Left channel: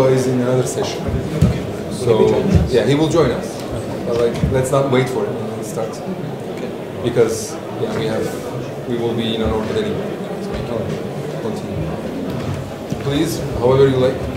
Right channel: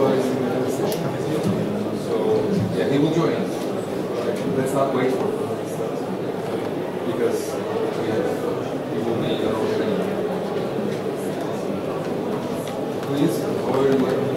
Luca is in another session. So yeah, he will join us. Let's not wait for him. Let's start because we will be in an order anyway. Please, however you like.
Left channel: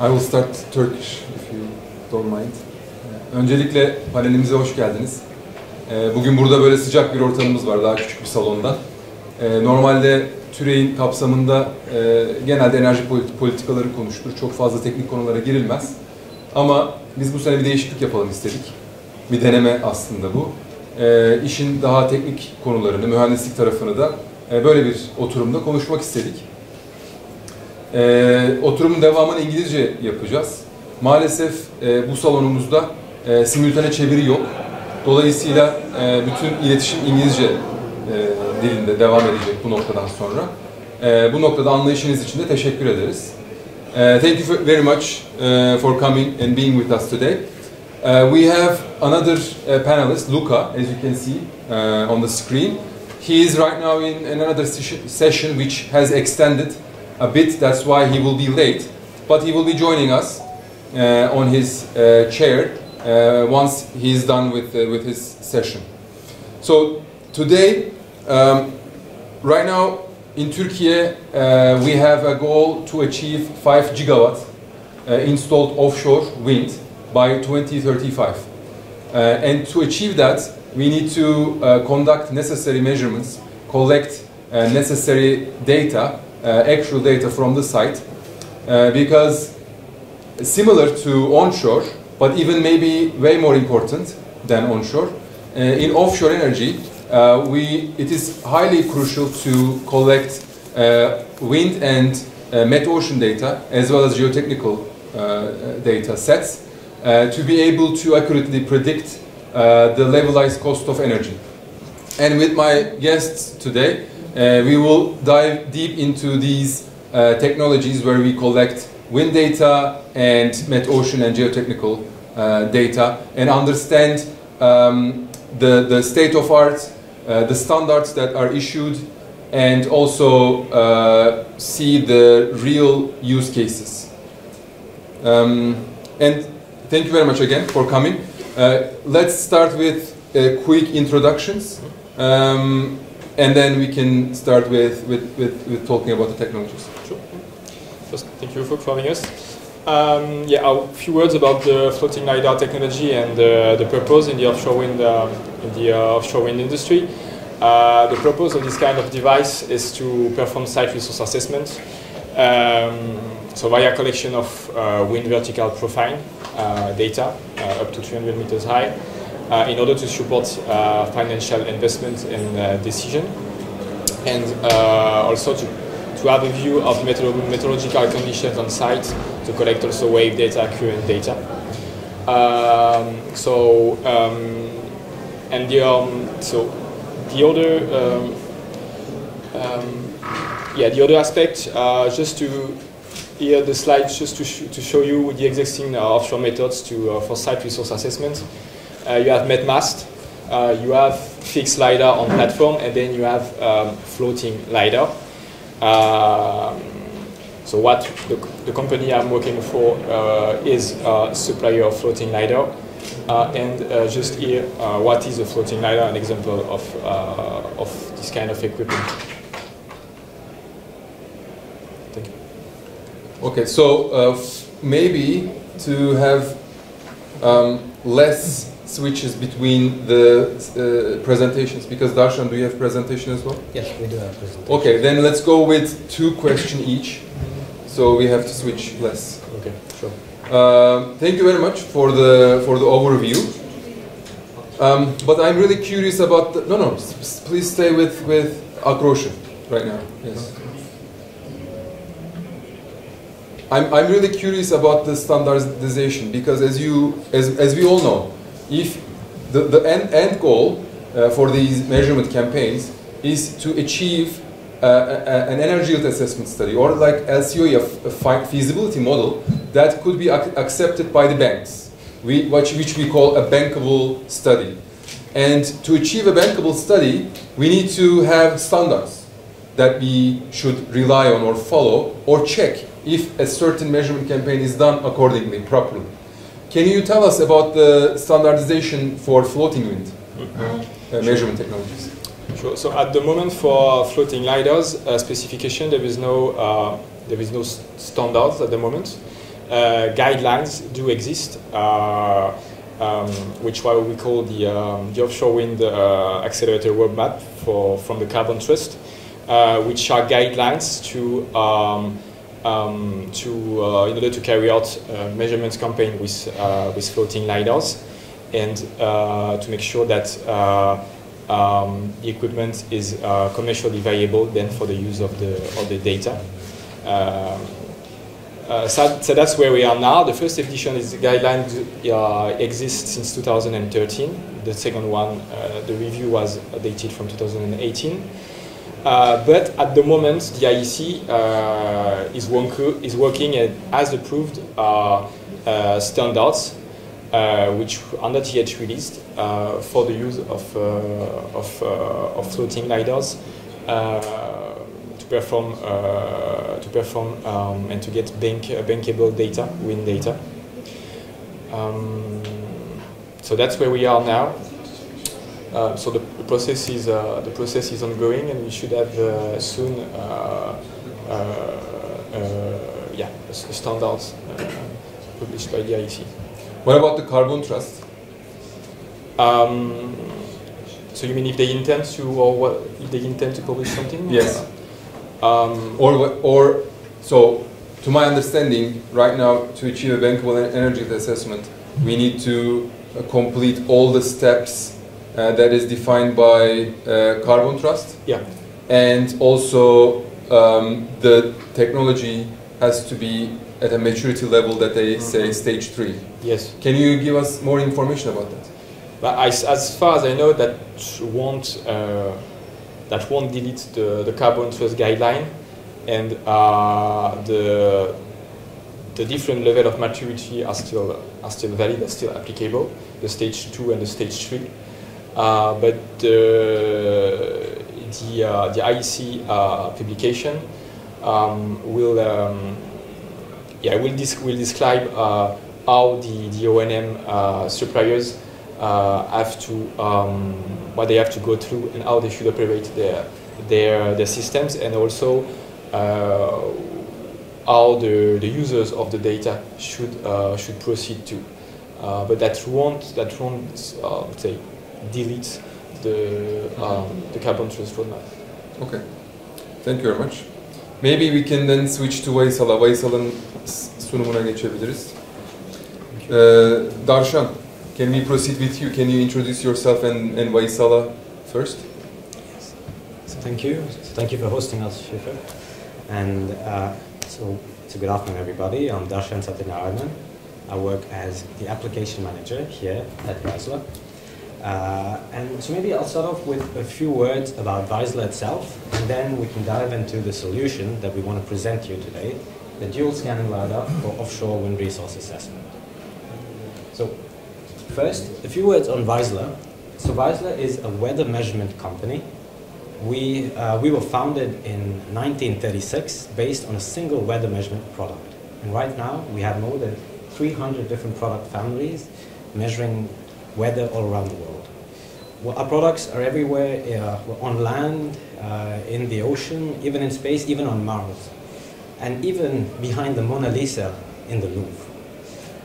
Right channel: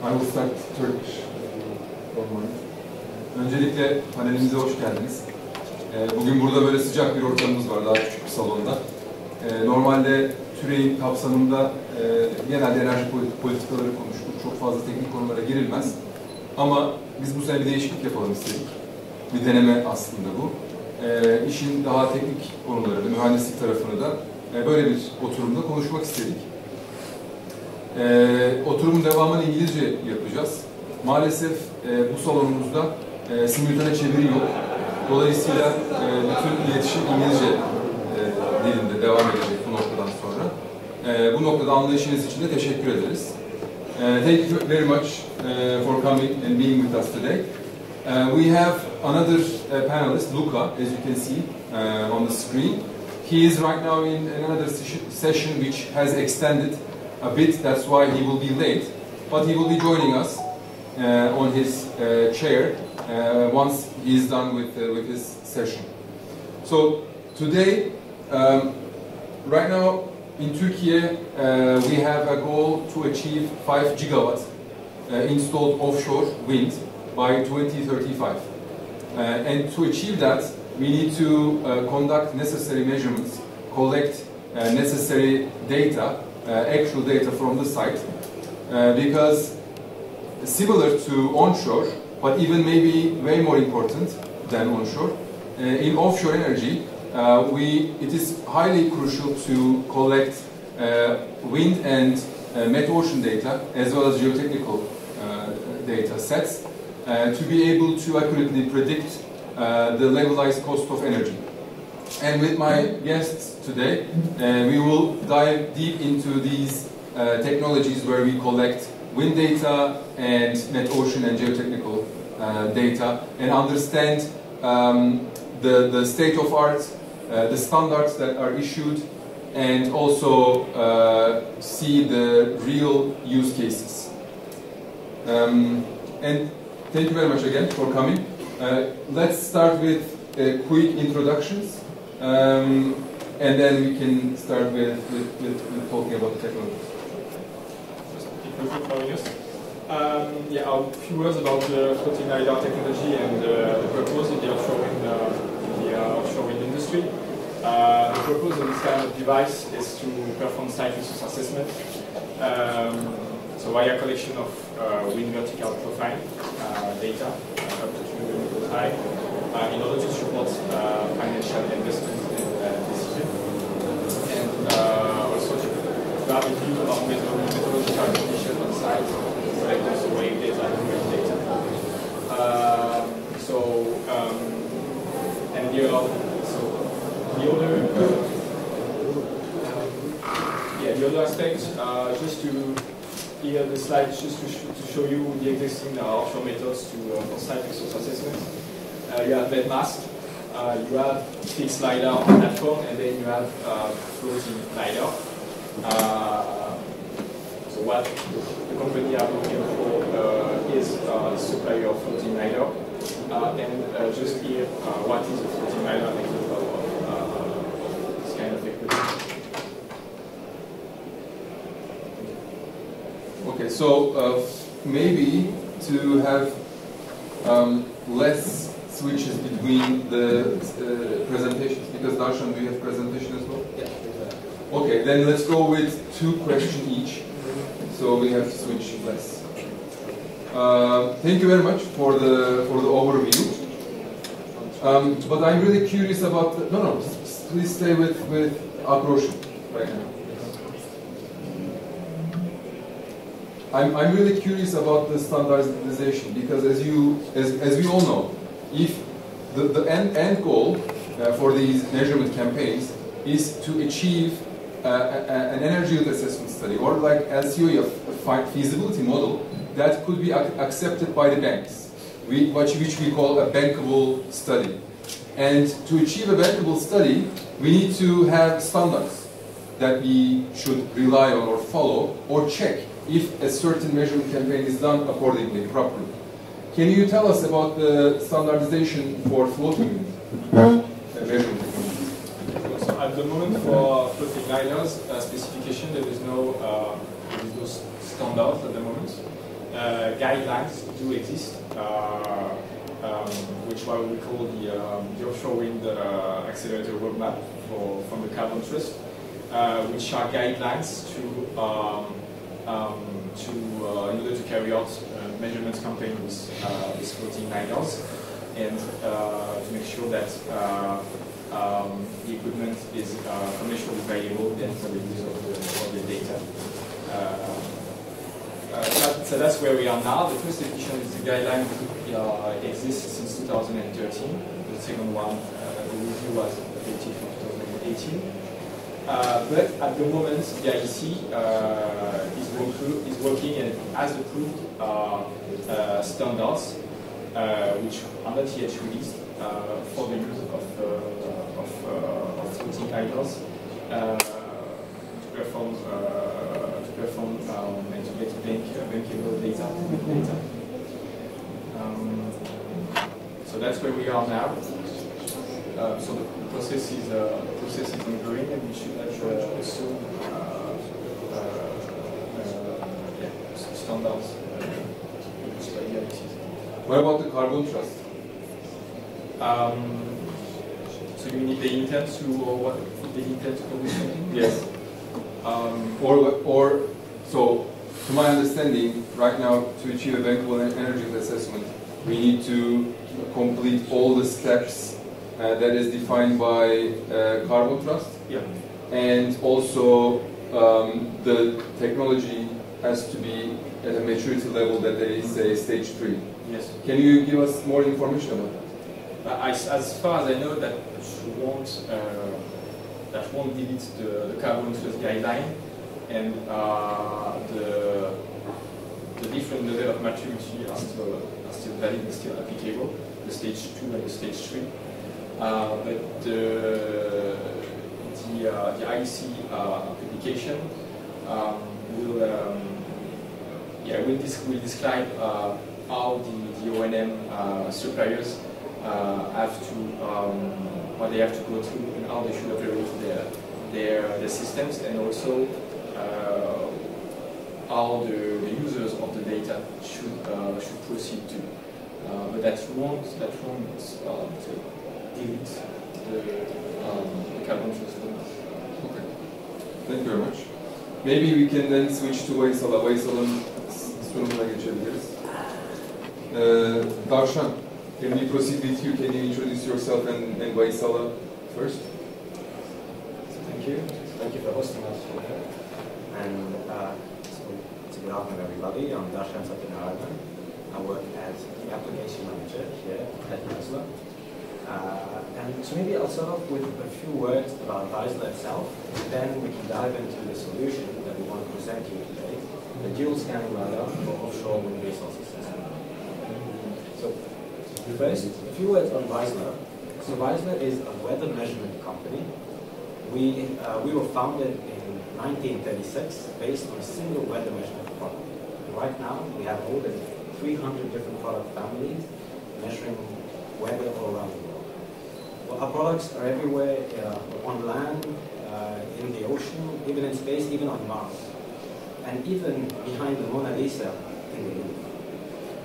I will start Turkish, if you don't mind. Öncelikle panelimize hoş geldiniz. Bugün burada böyle sıcak bir ortamımız var, daha küçük bir salonda. Normalde TÜRE'in kapsamında genelde enerji politikaları konuşulur, çok fazla teknik konulara girilmez. Ama biz bu sene bir değişiklik yapalım istedik. Bir deneme aslında bu. İşin daha teknik konularını, mühendislik tarafını da böyle bir oturumda konuşmak istedik. Oturumun devamını İngilizce yapacağız. Maalesef bu salonumuzda simültane çeviri yok. Dolayısıyla bütün iletişim İngilizce dilinde devam edecek bu noktadan sonra. Bu noktada anlayışınız için de teşekkür ederiz. Thank you very much for coming and being with us today. We have another panelist, Luca, as you can see on the screen. He is right now in another session which has extended a bit, that's why he will be late, but he will be joining us on his chair once he's done with his session. So today, right now in Turkey, we have a goal to achieve 5 gigawatt installed offshore wind by 2035. And to achieve that, we need to conduct necessary measurements, collect necessary data, actual data from the site, because similar to onshore, but even maybe way more important than onshore, in offshore energy, it is highly crucial to collect wind and metocean data as well as geotechnical data sets to be able to accurately predict the levelized cost of energy. And with my guests today, we will dive deep into these technologies where we collect wind data and metocean and geotechnical data and understand the state of art, the standards that are issued, and also see the real use cases. And thank you very much again for coming. Let's start with quick introductions. And then we can start with talking about the technologies. Sure. First, thank you for having us. Yeah, a few words about the floating LiDAR technology and the purpose in the offshore wind industry. The purpose of this kind of device is to perform site resource assessment. So via collection of wind vertical profile data up to 300 meters high, in order to support financial investment and decision, and also to have a view of meteorological conditions on site, to collect also wave data, current data. The other aspect, just to here the slide just to show you the existing offshore methods for site resource assessment. You have MetMast, you have fixed LiDAR on platform, and then you have floating LiDAR. So what the company I'm working for is a supplier of floating LiDAR. Just here, what is a floating LiDAR, an example of this kind of equipment. Thank you. Okay, so maybe to have less switches between the presentations, because Darshan, do you have presentation as well? Yes, we do have presentation. Okay, then let's go with 2 questions each, so we have to switch less. Okay, sure. Thank you very much for the overview. But I'm really curious about the, please stay with Akroş'u right now. Yes. I'm really curious about the standardization, because as we all know, if the end goal for these measurement campaigns is to achieve an energy yield assessment study, or like LCOE, a feasibility model that could be accepted by the banks, which we call a bankable study. And to achieve a bankable study, we need to have standards that we should rely on or follow or check if a certain measurement campaign is done accordingly, properly. Can you tell us about the standardization for floating wind measurement technologies? Sure. So at the moment for floating LiDARs specification, there is no standards at the moment. Guidelines do exist, which what we call the offshore wind accelerator roadmap from the Carbon Trust, which are guidelines to in order to carry out measurements campaign with floating LiDARs, and to make sure that the equipment is commercially viable then for the use of the data. So that's where we are now. The first edition is the guideline exists since 2013. The second one, the review was dated from 2018. But at the moment, the IEC is working and has approved standards which are not yet released for the use of floating LiDARs to perform and to get bankable data, wind data. So that's where we are now. So the process is ongoing, and we should have soon standards published by the IEC. What about the Carbon Trust? So you mean if they intend to, or what? If they intend to publish something? Yes. Or so, to my understanding, right now, to achieve a bankable energy assessment, we need to complete all the steps that is defined by Carbon Trust. Yeah. And also, the technology has to be at a maturity level that they say stage 3. Yes. Can you give us more information about that? But as far as I know, that won't delete the Carbon Trust guideline, and the different level of maturity are still valid, are still applicable. The stage 2 and the stage 3. But the IEC publication will describe how the O&M suppliers have to what they have to go through and how they should operate their systems, and also how the users of the data should proceed to. But that won't say delete the Carbon Trust roadmap. Okay, thank you very much. Maybe we can then switch to Vaysal'a. Vaysal'ın sunumuna geçebiliriz. Darshan, can we proceed with you? Can you introduce yourself and Vaysal'a first? So thank you. Thank you for hosting us, Şeker. And so good afternoon, everybody. I'm Darshan Satyanarayanan. I work as the application manager here at Vaysal'a. And so maybe I'll start off with a few words about Vaysal'a itself, and then we can dive into the solution that we want to present to you today, the dual scanning LiDAR for offshore wind resource assessment. So first, a few words on Vaysal'a. So Vaysal'a is a weather measurement company. We were founded in 1936 based on a single weather measurement product. And right now we have more than 300 different product families measuring weather all around the world. Well, our products are everywhere, on land, in the ocean, even in space, even on Mars, and even behind the Mona Lisa in the Louvre.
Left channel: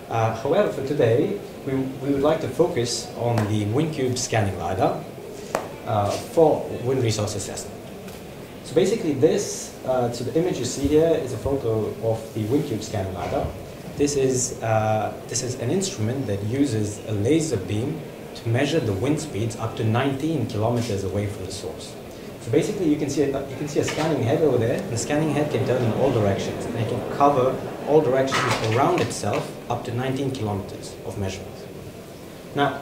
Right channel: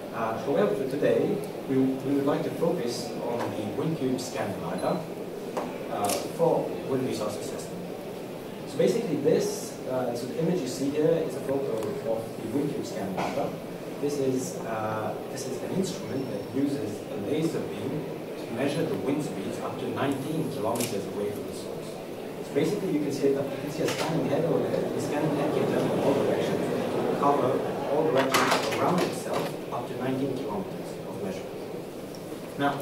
However, for today, we would like to focus on the WinCube scanning LiDAR for wind resource assessment. So basically this, so the image you see here is a photo of the WinCube scanning LiDAR. This is an instrument that uses a laser beam to measure the wind speeds up to 19 kilometers away from the source. So basically you can see a scanning head over there. The scanning head can turn in all directions and it can cover all directions around itself up to 19 kilometers of measurement. Now,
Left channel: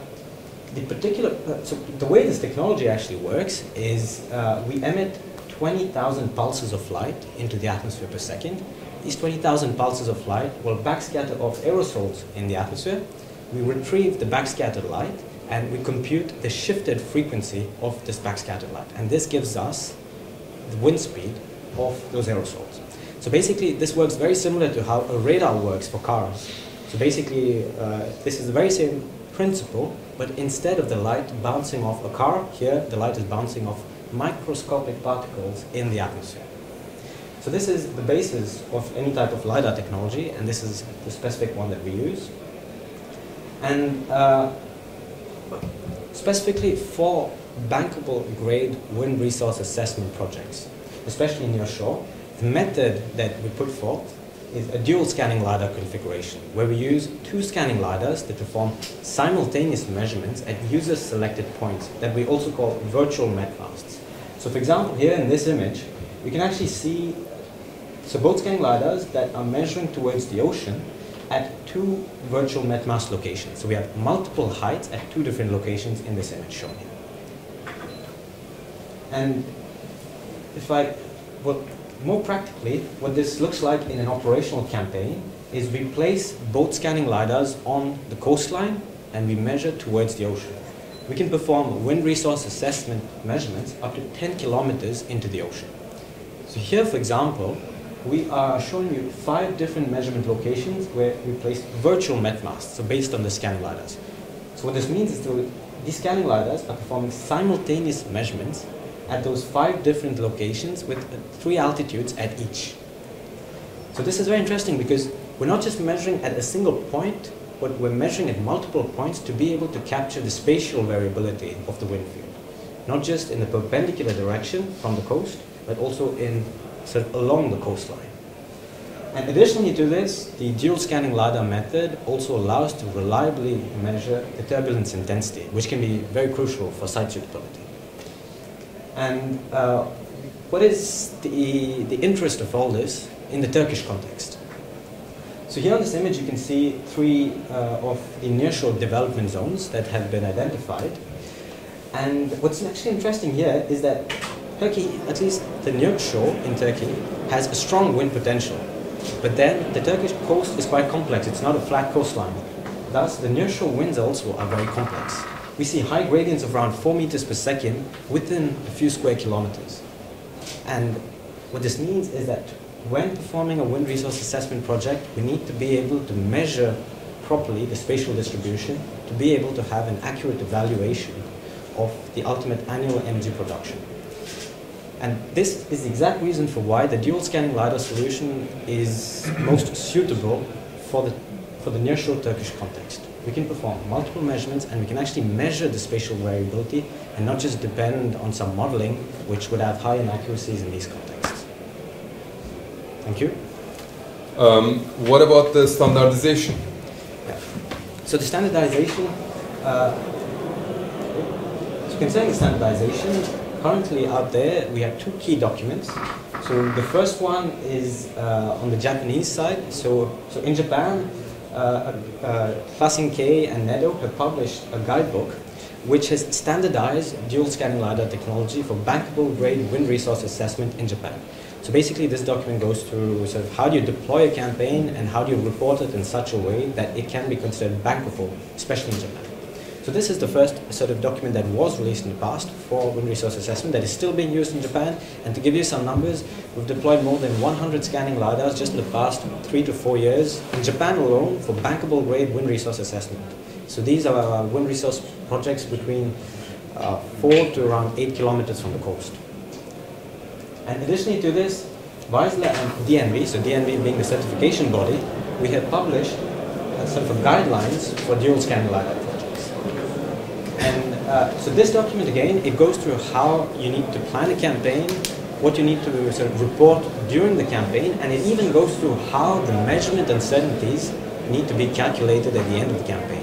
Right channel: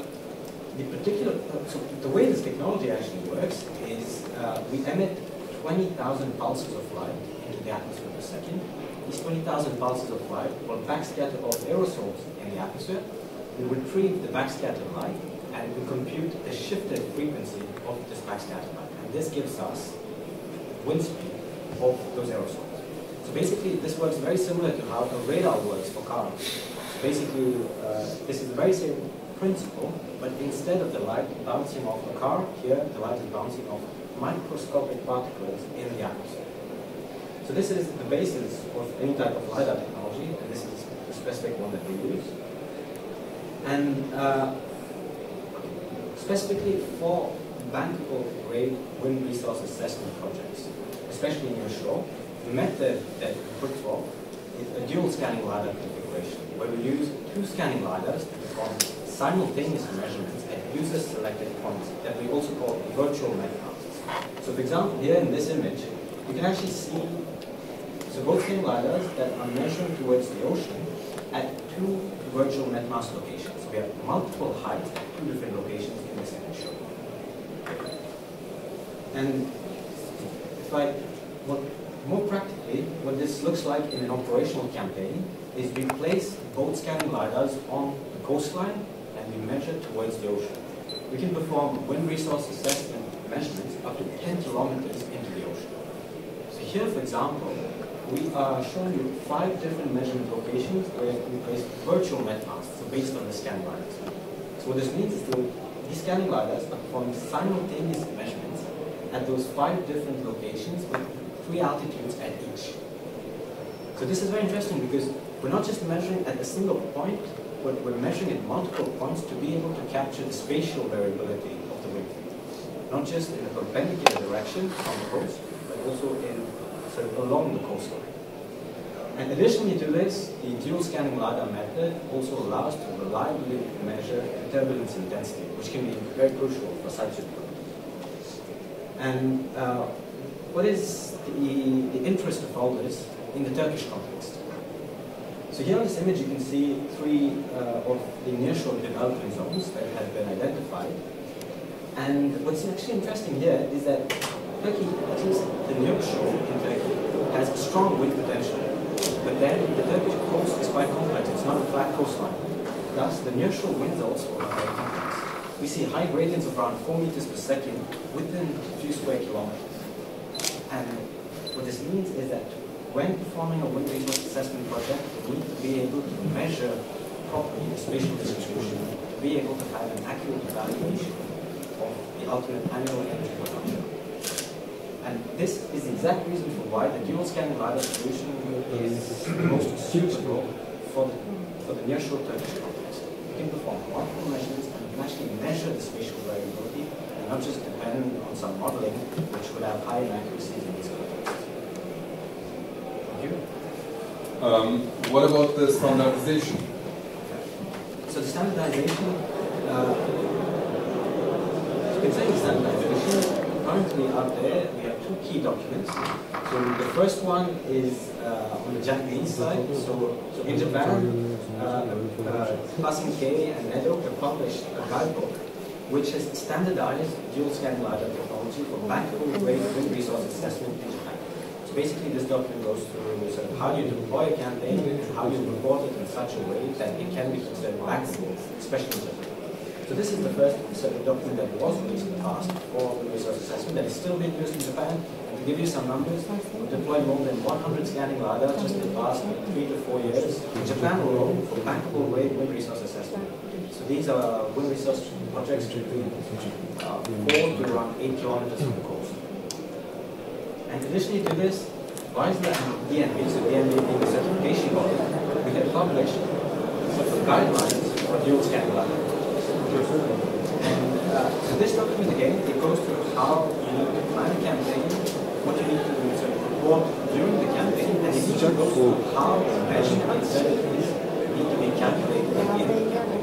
the way this technology actually works is we emit 20,000 pulses of light into the atmosphere per second. These 20,000 pulses of light will backscatter off aerosols in the atmosphere. We retrieve the backscattered light and we compute the shifted frequency of this backscattered light. And this gives us the wind speed of those aerosols. So basically, this works very similar to how a radar works for cars. So basically, this is the very same principle, but instead of the light bouncing off a car, here the light is bouncing off microscopic particles in the atmosphere. So this is the basis of any type of LiDAR technology, and this is the specific one that we use. And specifically for bankable grade wind resource assessment projects, especially near shore, the method that we put forth is a dual scanning LiDAR configuration, where we use two scanning LiDARs that perform simultaneous measurements at user-selected points that we also call virtual metmasts. So for example, here in this image, we can actually see both scanning LiDARs that are measuring towards the ocean at two virtual metmast locations. So we have multiple heights at two different locations in this image shown here. And more practically, what this looks like in an operational campaign is we place both scanning LiDARs on the coastline and we measure towards the ocean. We can perform wind resource assessment measurements up to 10 kilometers into the ocean. So here, for example, we are showing you 5 different measurement locations where we place virtual metmasts, so based on the scanning LiDARs. So what this means is that these scanning LiDARs are performing simultaneous measurements at those 5 different locations with 3 altitudes at each. So this is very interesting because we're not just measuring at a single point, but we're measuring at multiple points to be able to capture the spatial variability of the wind field. Not just in a perpendicular direction from the coast, but also along the coastline. And additionally to this, the dual scanning LiDAR method also allows to reliably measure the turbulence intensity, which can be very crucial for site suitability. And what is the interest of all this in the Turkish context? So here on this image you can see 3 of the nearshore development zones that have been identified. And what's actually interesting here is that Turkey, at least the nearshore in Turkey, has a strong wind potential. But then the Turkish coast is quite complex. It's not a flat coastline. Thus, the nearshore winds also are very complex. We see high gradients of around 4 meters per second within a few square kilometers. And what this means is that when performing a wind resource assessment project, we need to be able to measure properly the spatial distribution to be able to have an accurate evaluation of the ultimate annual energy production. And this is the exact reason for why the dual scanning LiDAR solution is most suitable for the nearshore Turkish context. We can perform multiple measurements and we can actually measure the spatial variability and not just depend on some modeling which would have high inaccuracies in these contexts. Thank you. What about the standardization? So the standardization, concerning standardization, currently out there we have 2 key documents. So the first one is on the Japanese side. So in Japan, Klassen-K and Meadow have published a guidebook which has standardized dual scanning LiDAR technology for bankable grade wind resource assessment in Japan. So basically this document goes through sort of how do you deploy a campaign and how do you report it in such a way that it can be considered bankable, especially in Japan. So this is the first sort of document that was released in the past for wind resource assessment that is still being used in Japan. And to give you some numbers, we've deployed more than 100 scanning LiDARs just in the past 3 to 4 years in Japan alone for bankable grade wind resource assessment. So these are wind resource projects between 4 to around 8 kilometers from the coast. And additionally to this, Weisler and DNV, so DNV being the certification body, we have published a set of guidelines for dual scanning LiDAR projects. And so this document, again, it goes through how you need to plan a campaign, what you need to sort of report during the campaign, and it even goes through how the measurement uncertainties need to be calculated at the end of the campaign.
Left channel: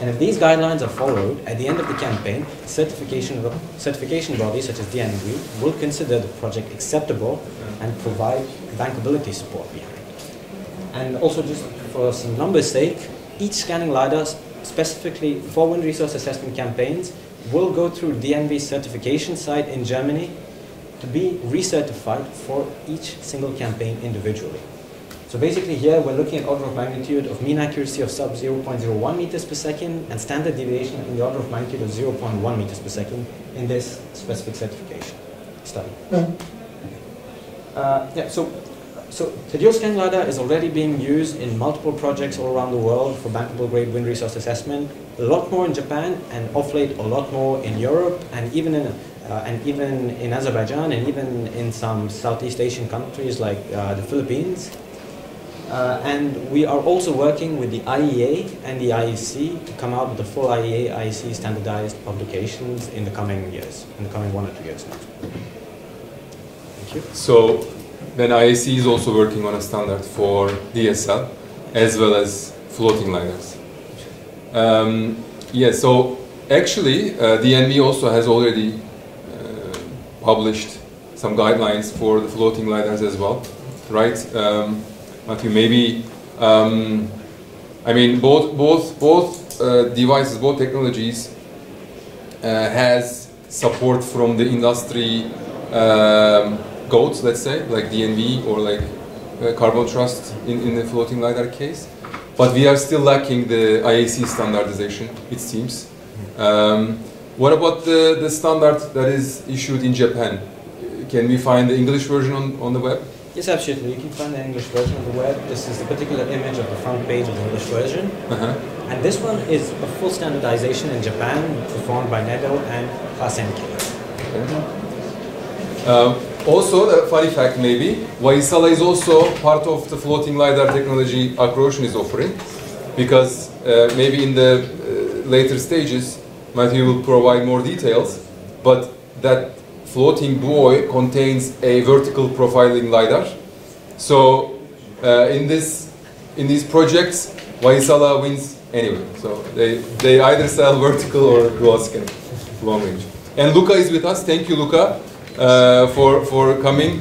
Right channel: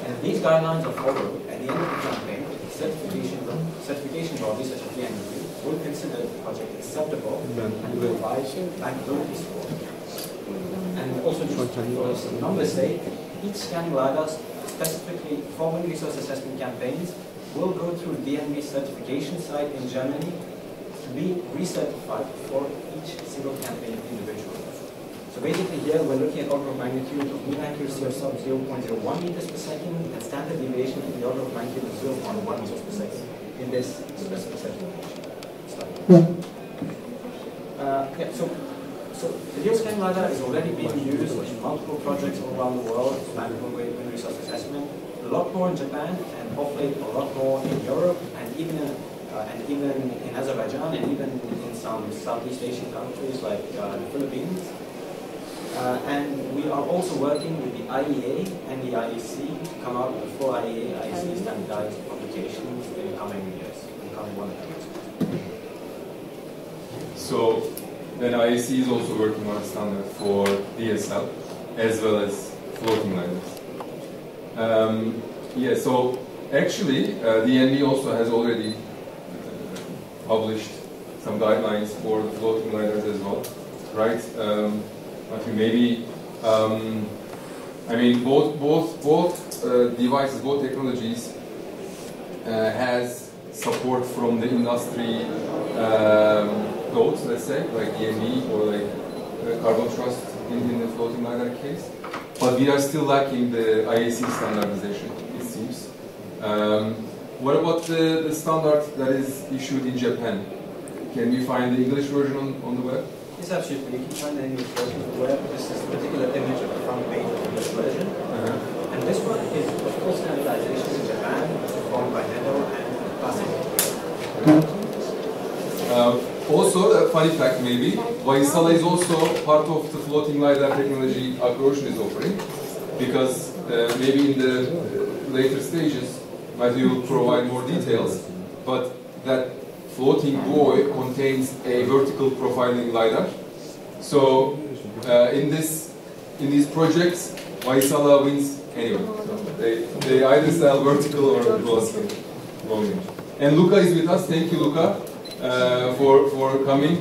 And if these guidelines are followed, at the end of the campaign, certification bodies such as DNV will consider the project acceptable and provide bankability support. And also, just for some numbers' sake, each scanning LiDAR specifically for wind resource assessment campaigns will go through DNV certification site in Germany to be recertified for each single campaign individually. So basically here we're looking at order of magnitude of mean accuracy of sub 0.01 meters per second and standard deviation in the order of magnitude of 0.1 meters per second in this specific certification study. So the dual scan LiDAR is already being used in multiple projects all around the world for bankable grade wind resource assessment, a lot more in Japan, and off late a lot more in Europe, and even in Azerbaijan, and even in some Southeast Asian countries like the Philippines. And we are also working with the IEA and the IEC to come out with the full IEA, IEC standardized publications in the coming years, in the coming 1 or 2 years. Thank you. So then IEC is also working on a standard for DSL as well as floating LiDARs. Yeah, so actually DNV also has already published some guidelines for the floating LiDARs as well, right? Okay, maybe, I mean, both devices, both technologies has support from the industry goats, let's say, like DNV or like Carbon Trust in the floating LiDAR case. But we are still lacking the IAC standardization, it seems. What about the standard that is issued in Japan? Can we find the English version on the web? Yes, absolutely. You can find the English version on the web. This is a particular image of the front page of the English version. And this one is a full standardization in Japan, performed by NEDO and Hasenki. Also, a funny fact maybe, Vaisala is also part of the floating LiDAR technology Acrocean is offering, because maybe in the later stages, Matthew will provide more details, but that floating buoy contains a vertical profiling LiDAR. So in these projects, Vaisala wins anyway. So they either sell vertical or dual scan long range. And Luca is with us. Thank you, Luca, for coming.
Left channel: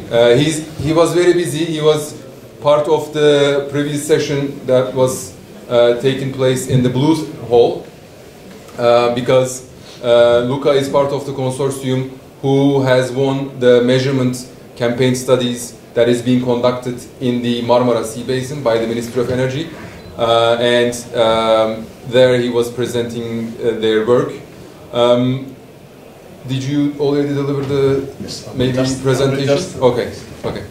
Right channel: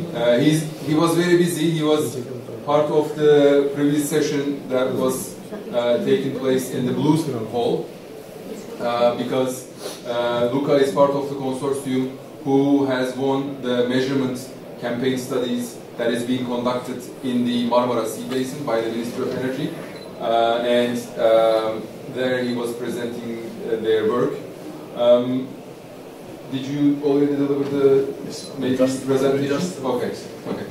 He was very busy. He was part of the previous session that was taking place in the Blue Hall, because Luca is part of the consortium who has won the measurement campaign studies that is being conducted in the Marmara Sea Basin by the Ministry of Energy. And there he was presenting their work. Did you already deliver the maybe presentation? Okay, okay.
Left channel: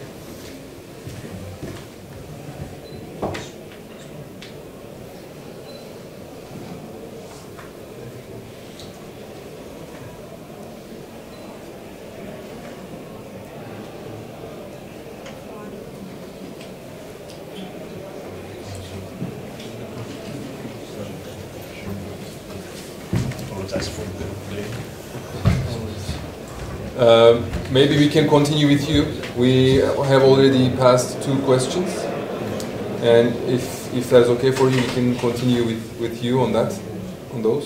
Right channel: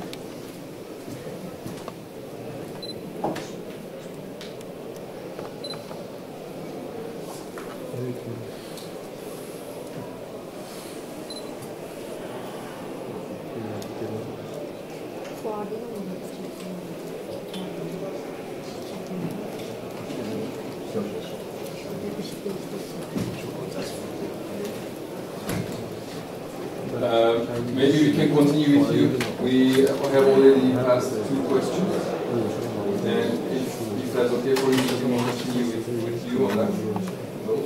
Maybe we can continue with you. We have already passed 2 questions, and if that's okay for you, we can continue with you on those.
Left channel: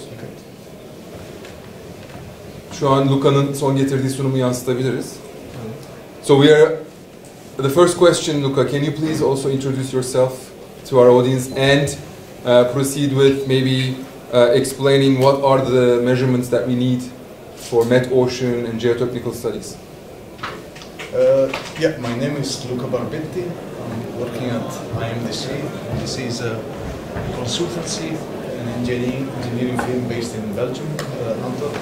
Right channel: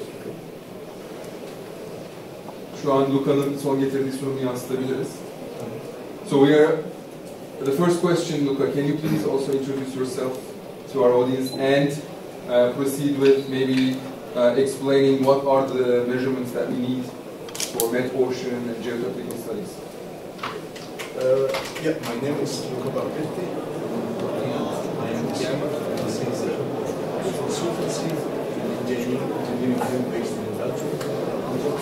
Şu an Luca'nın son getirdiği sunumu yansıtabiliriz. So the first question, Luca, can you please also introduce yourself to our audience and proceed with maybe explaining what are the measurements that we need for met ocean and geotechnical studies? Yeah, my name is Luca Barbetti. I'm working at IMDC. IMDC is a consultancy and engineering firm based in Belgium, Antwerp.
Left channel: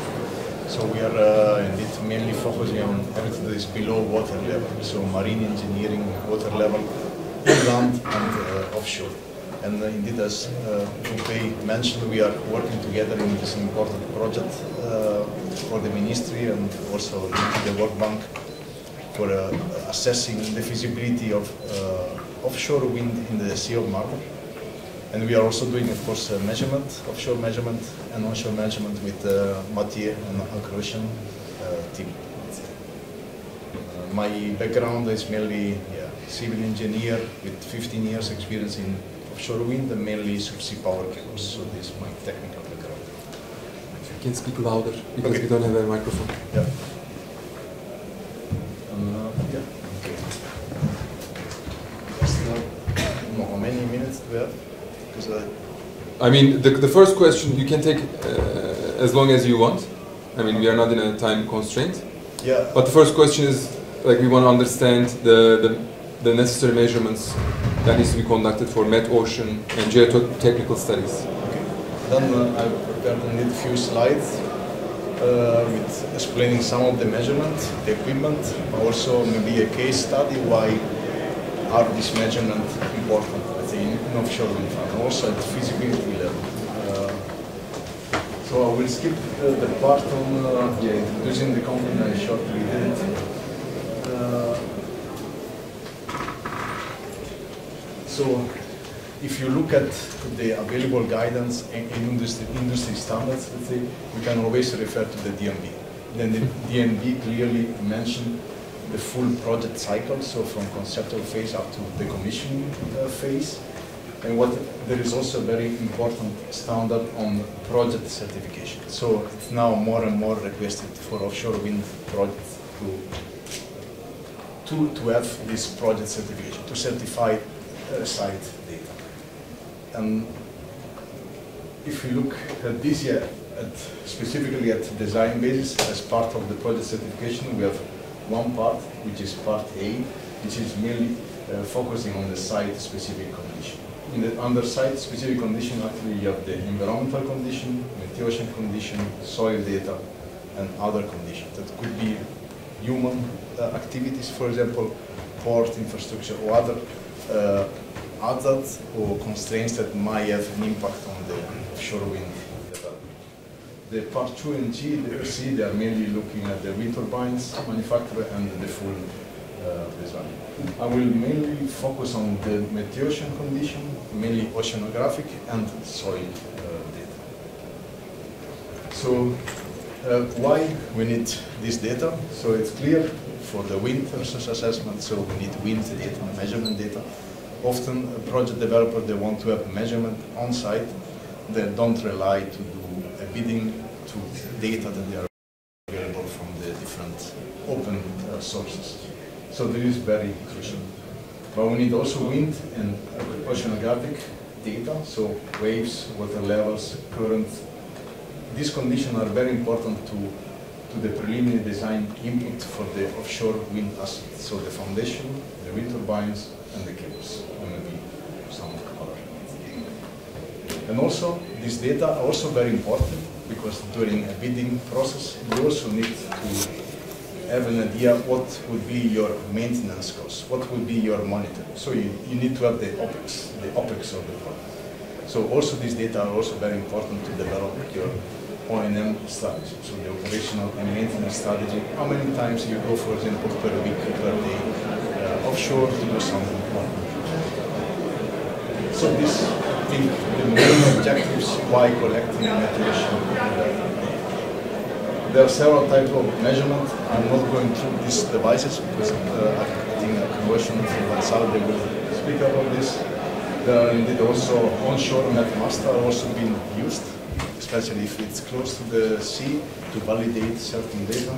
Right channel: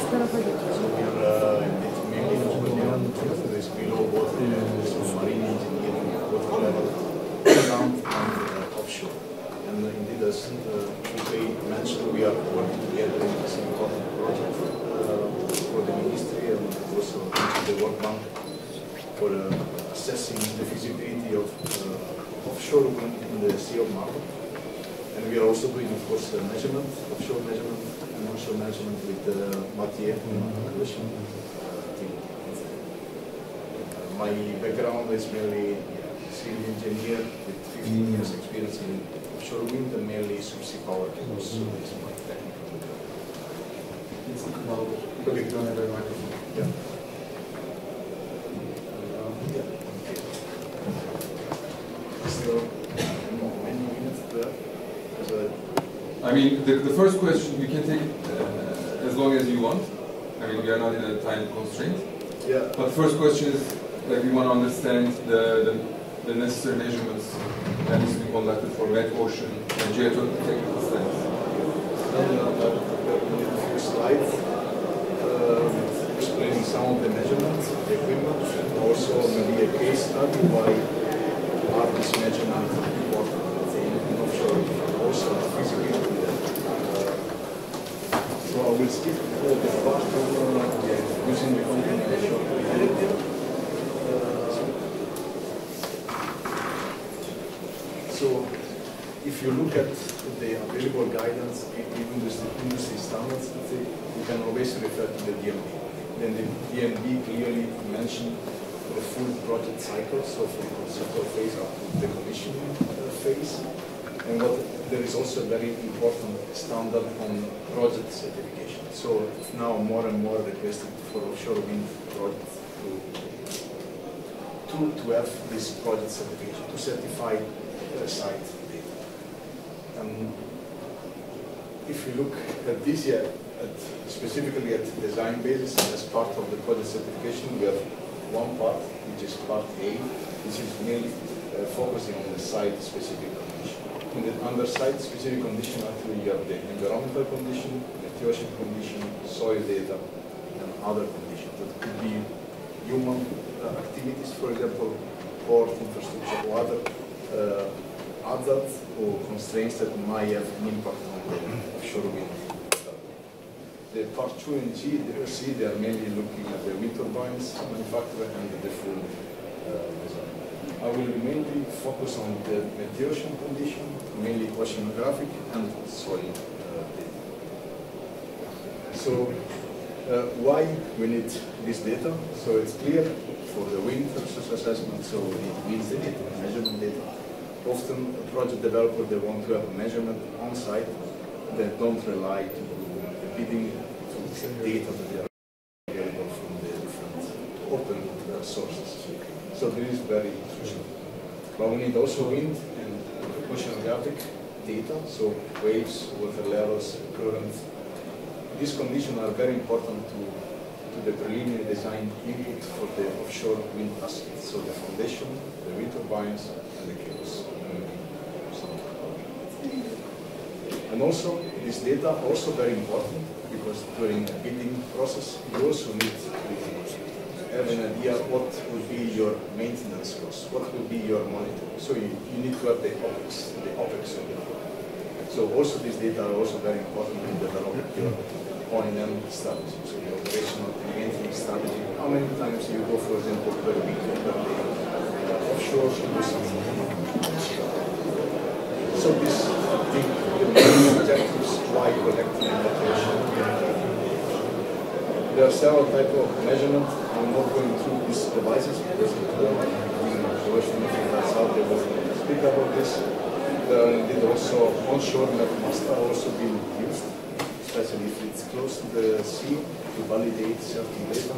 So we are indeed mainly focusing on everything that is below water level, so marine engineering, water level, land and offshore. And indeed, as Uwe mentioned, we are working together in this important project for the ministry and also the World Bank for assessing the feasibility of offshore wind in the Sea of Marmara. And we are also doing, of course, measurement, offshore measurement and onshore measurement with Mathieu and Croatian team. My background is mainly civil engineer with 15 years experience in offshore wind and mainly subsea power cables. So this is my technical background. You can speak louder because we don't have a microphone. Yeah. Okay. Still, how many minutes there? I mean, the first question, you can take as long as you want. I mean, we are not in a time constraint. Yeah. But the first question is, like, we want to understand the necessary measurements that needs to be conducted for met ocean and geotechnical studies. Okay. Then I've prepared a few slides with explaining some of the measurements, the equipment, also maybe a case study why are these measurements important in offshore wind farm, also the feasibility. So I will skip the part on using the content and short video. So if you look at the available guidance in industry standards, let's say, we can always refer to the DMB. Then the DMB clearly mentioned the full project cycle, so from conceptual phase up to the commissioning phase. And there is also a very important standard on project certification. So it's now more and more requested for offshore wind projects to have this project certification, to certify site data. And if you look at this year, specifically at the design basis, as part of the project certification, we have one part, which is part A, which is mainly focusing on the site-specific condition. In the under site-specific condition, actually you have the environmental condition, meteorological condition, soil data, and other conditions. That could be human activities, for example, port infrastructure, or other hazards or constraints that might have an impact on the offshore wind. The part 2 and G, C, they are mainly looking at the wind turbines manufacturer and the full design. I will mainly focus on the meteorological condition, mainly oceanographic and soil data. So why we need this data? So it's clear for the wind resource assessment, so we need wind data, measurement data. Often a project developer, they want to have measurement on site. They don't rely to do a bidding to data that they are available from the different open sources. So this is very crucial. But we need also wind and oceanographic data, so waves, water levels, current. These conditions are very important to the preliminary design input for the offshore wind assets. So the foundation, the wind turbines, and the cables. And also, these data are also very important because during a bidding process, you also need to have an idea what would be your maintenance cost, what would be your monitoring. So you need to have the OPEX of the project. So also these data are also very important to develop your O&M strategy, so the operational and maintenance strategy. How many times you go, for example, per week, per day, offshore to do something more. So this the main objectives why collecting information. There are several types of measurement. I'm not going through these devices because I think Ocean and South they will speak about this. There are indeed also onshore mast are also being used, especially if it's close to the sea to validate certain data.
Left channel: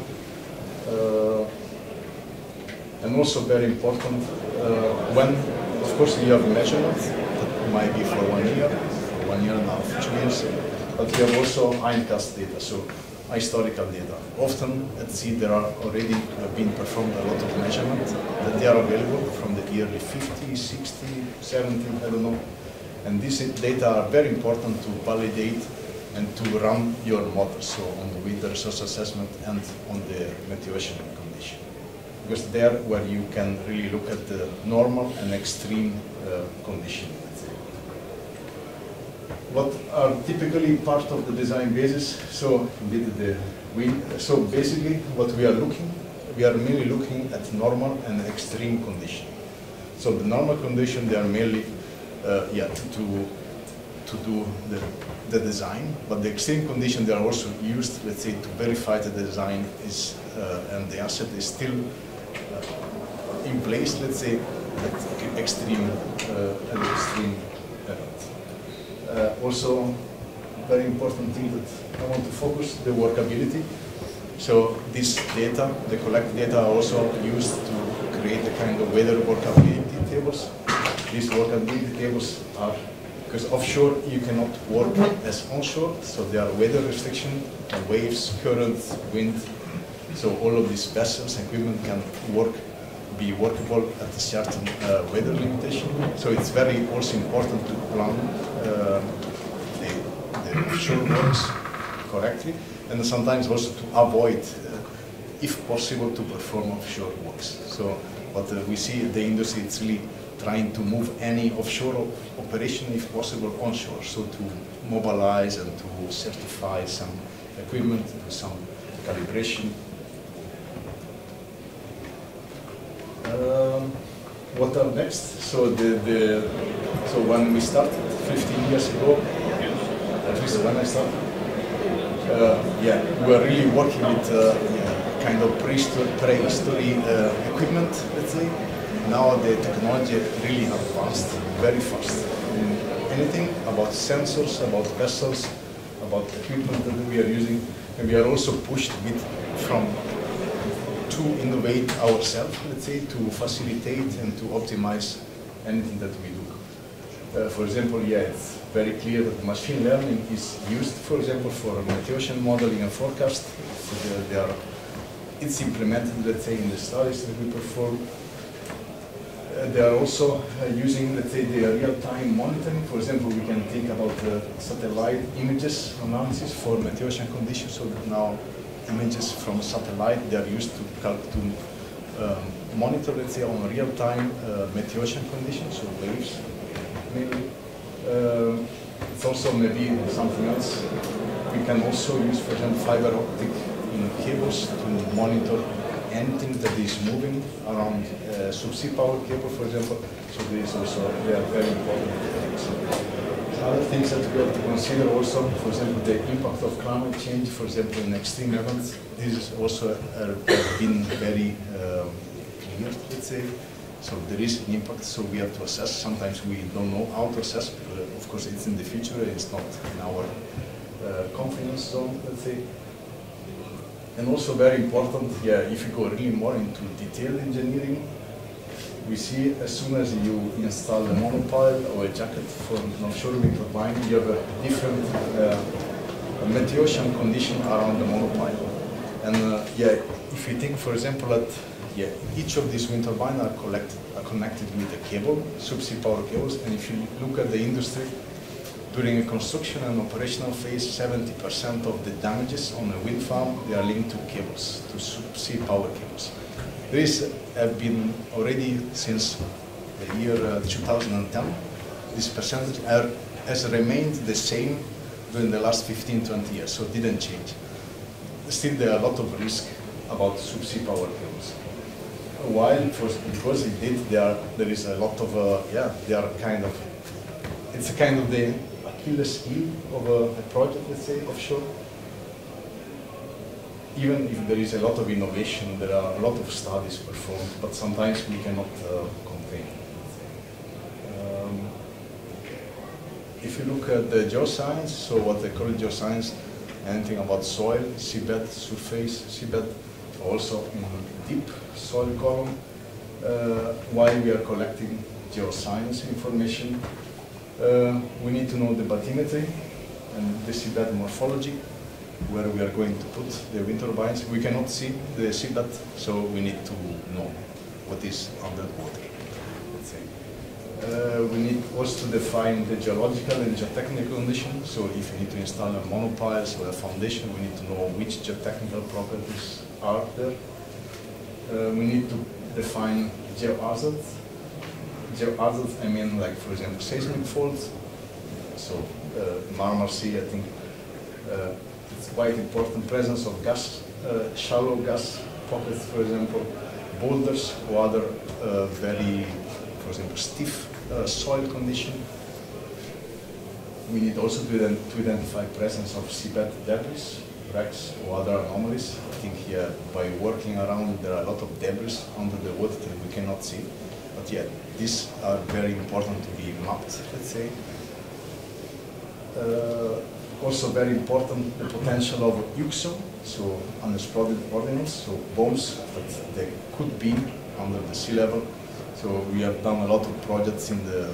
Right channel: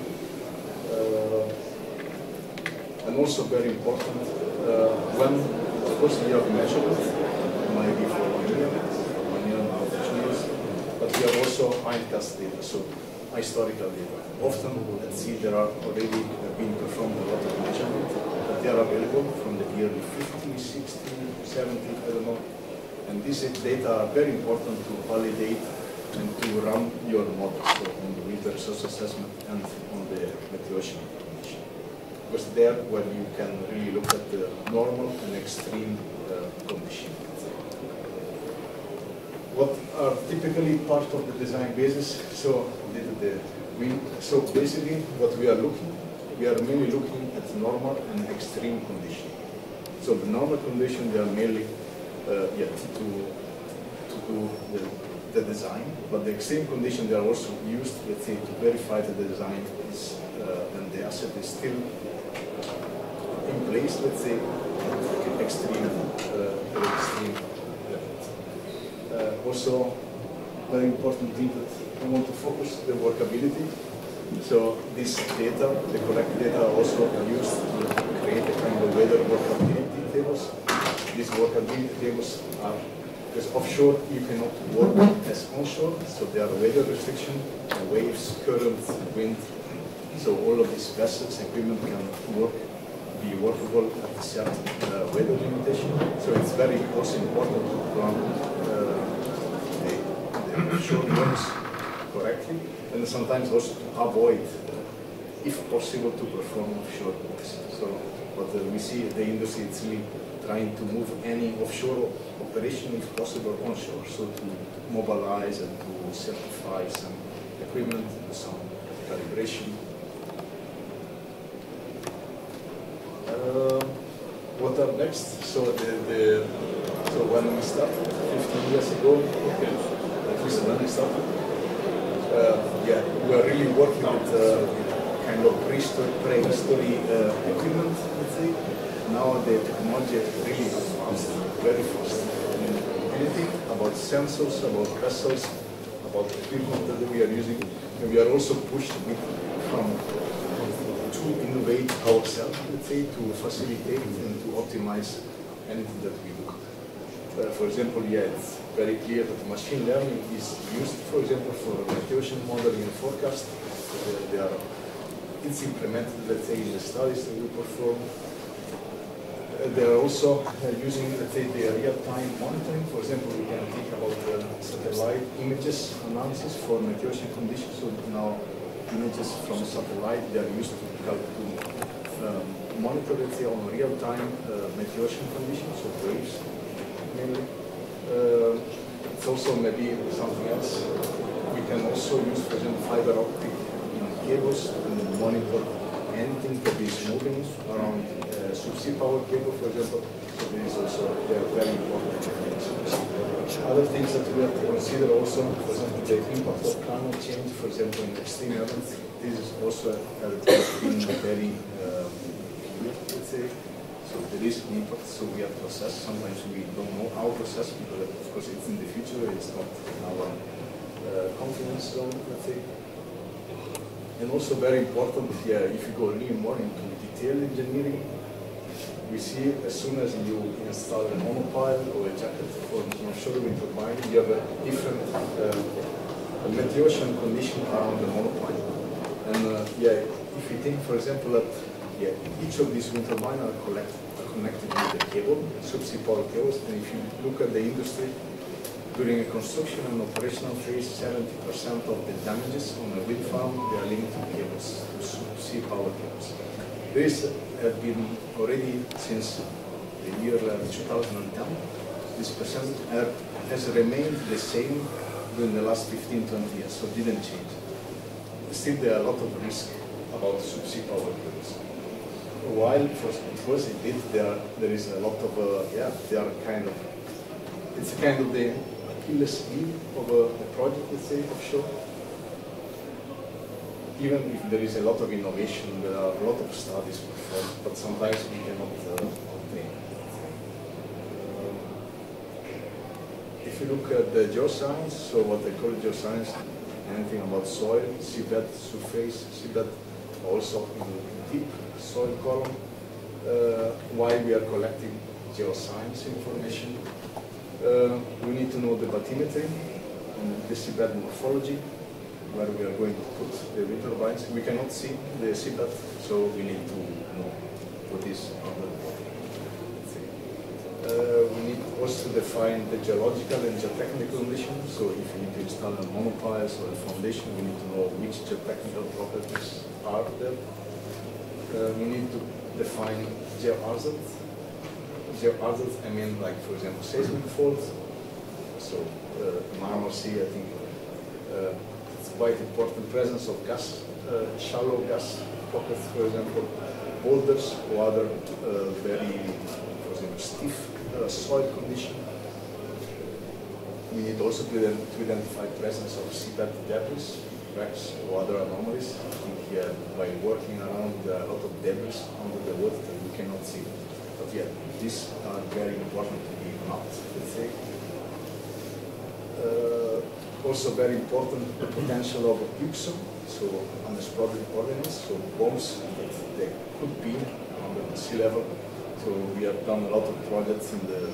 And also very important when, of course, you have measurements. Might be for 1 year, 1 year and a half, 2 years, but we have also ICAS data, so historical data. Often at sea there are already been performed a lot of measurements that they are available from the yearly 50, 60, 70, I don't know. And these data are very important to validate and to run your models, so on the wind resource assessment and on the meteorological condition. Because there where you can really look at the normal and extreme condition. What are typically part of the design basis? So basically what we are mainly looking at normal and extreme condition. So the normal condition, they are mainly to to do the design, but the extreme conditions they are also used, let's say, to verify that the design is and the asset is still in place, let's say, at extreme also, very important thing that I want to focus, the workability. So this data, the collected data, are also used to create a kind of weather workability tables. These workability tables are, because offshore you cannot work as onshore, so there are weather restrictions, waves, current, wind. So all of these vessels, equipment can be workable at a certain weather limitation. So it's very also important to plan the offshore works correctly, and sometimes also to avoid, if possible, to perform offshore works. So what we see in the industry, it's really trying to move any offshore operation, if possible, onshore. So to mobilize and to certify some equipment, some calibration. What are next? So so when we started 15 years ago, at least when I started, yeah, we were really working with kind of prehistory equipment, let's say. Now the technology really advanced very fast. Anything about sensors, about vessels, about equipment that we are using, and we are also pushed a bit to innovate ourselves, let's say, to facilitate and to optimize anything that we do. For example, yeah, it's very clear that machine learning is used, for example, for meteorological modeling and forecast. It's implemented, let's say, in the studies that we perform. They are also using, let's say, the real-time monitoring. For example, we can think about the satellite images analysis for meteorological conditions. So now images from satellite, they are used to monitor, let's say, on real-time meteorological conditions, so waves, maybe. It's also maybe something else. We can also use, for example, fiber optic cables to monitor anything that is moving around subsea power cable, for example. So there is also, they are very important things. Other things that we have to consider also, for example, the impact of climate change, for example, in extreme events. This is also has been very good, let's say. So there is an impact, so we have to assess. Sometimes we don't know how to assess, because of course it's in the future, it's not in our confidence zone, let's say. And also very important, yeah, if you go really more into detailed engineering, we see as soon as you install a monopile or a jacket for an offshore wind turbine, you have a different meteorological condition around the monopile. And yeah, if you think, for example, that each of these wind turbines are connected with a cable, subsea power cables, and if you look at the industry, during the construction and operational phase, 70% of the damages on a wind farm, they are linked to cables, to subsea power cables. This have been already since the year 2010. This percentage has remained the same during the last 15-20 years, so it didn't change. Still, there are a lot of risk about subsea power cables. While, because there is a lot of, they are kind of, it's a kind of the Achilles heel of a project, let's say, offshore. Even if there is a lot of innovation, there are a lot of studies performed, but sometimes we cannot compare. If you look at the geoscience, so what they call geoscience, anything about soil, seabed, surface, seabed, also in the deep soil column. While we are collecting geoscience information, we need to know the bathymetry and the seabed morphology, where we are going to put the wind turbines. We cannot see the seabed, so we need to know what is under the water. We need also to define the geological and geotechnical conditions. So if we need to install a monopiles or a foundation, we need to know which geotechnical properties are there. We need to define geohazards. Geohazards, I mean, like, for example, seismic faults. So Marmara Sea, I think, it's quite important presence of gas, shallow gas pockets, for example, boulders or other very, for example, stiff soil condition. we need also to identify presence of seabed debris, wrecks, or other anomalies. I think here, by working around, there are a lot of debris under the water that we cannot see. But yeah, these are very important to be mapped, let's say. Also very important, the potential of UXO, so unexploded ordnance, so bombs that they could be under the sea level. So we have done a lot of projects in the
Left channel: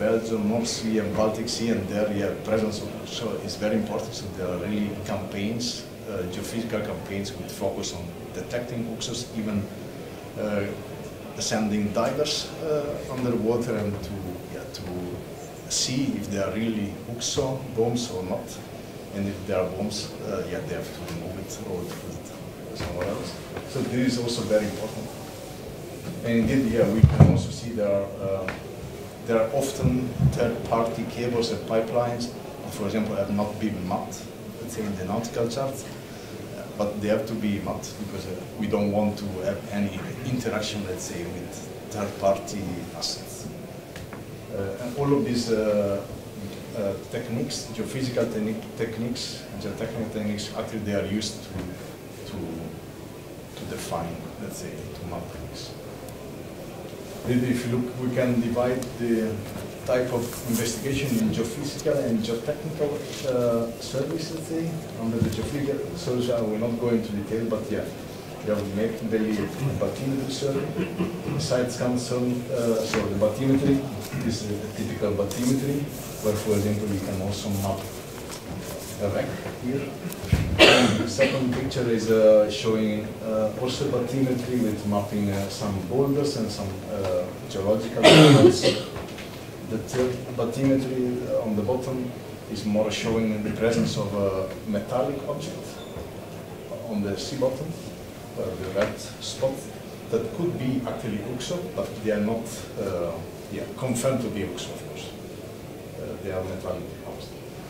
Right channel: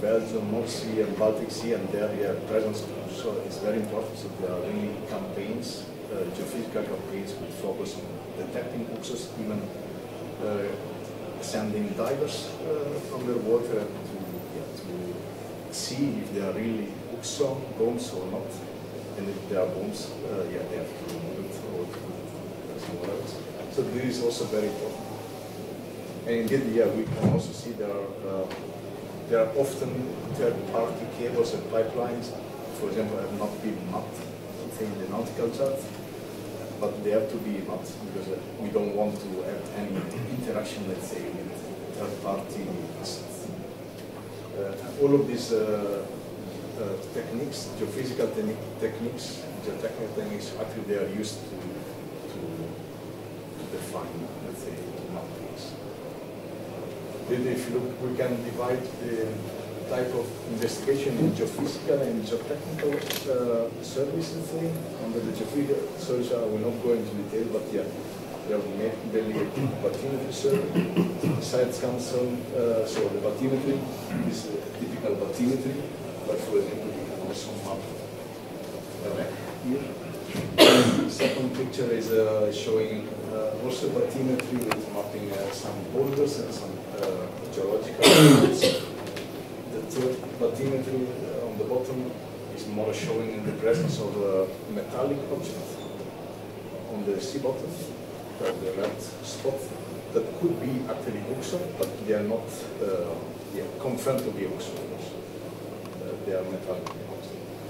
Belgian, North Sea and Baltic Sea, and there, yeah, presence of UXO is very important. So there are really campaigns, geophysical campaigns with focus on detecting UXOs, even sending divers underwater and to see if they are really UXO bombs or not. And if there are bombs, yeah, they have to remove it or put it somewhere else. So this is also very important. And indeed, yeah, we can also see there are often third-party cables and pipelines, for example, have not been mapped, let's say in the nautical chart, but they have to be mapped because we don't want to have any interaction, let's say, with third-party assets. And all of these techniques, geophysical techniques, geotechnical techniques, actually they are used to define, let's say, to map things. If you look, we can divide the type of investigation in geophysical and geotechnical service, let's say. Under the geophysical service, I will not go into detail, but yeah, we make daily bathymetry survey. Besides concern, so the bathymetry is a typical bathymetry, where, for example, we can also map the wreck here. The second picture is showing also bathymetry with mapping some boulders and some geological elements. The third bathymetry on the bottom is more showing the presence of a metallic object on the sea bottom. The red spot that could be actually UXO, but they are not confirmed to be UXO, of course. They are metallic objects.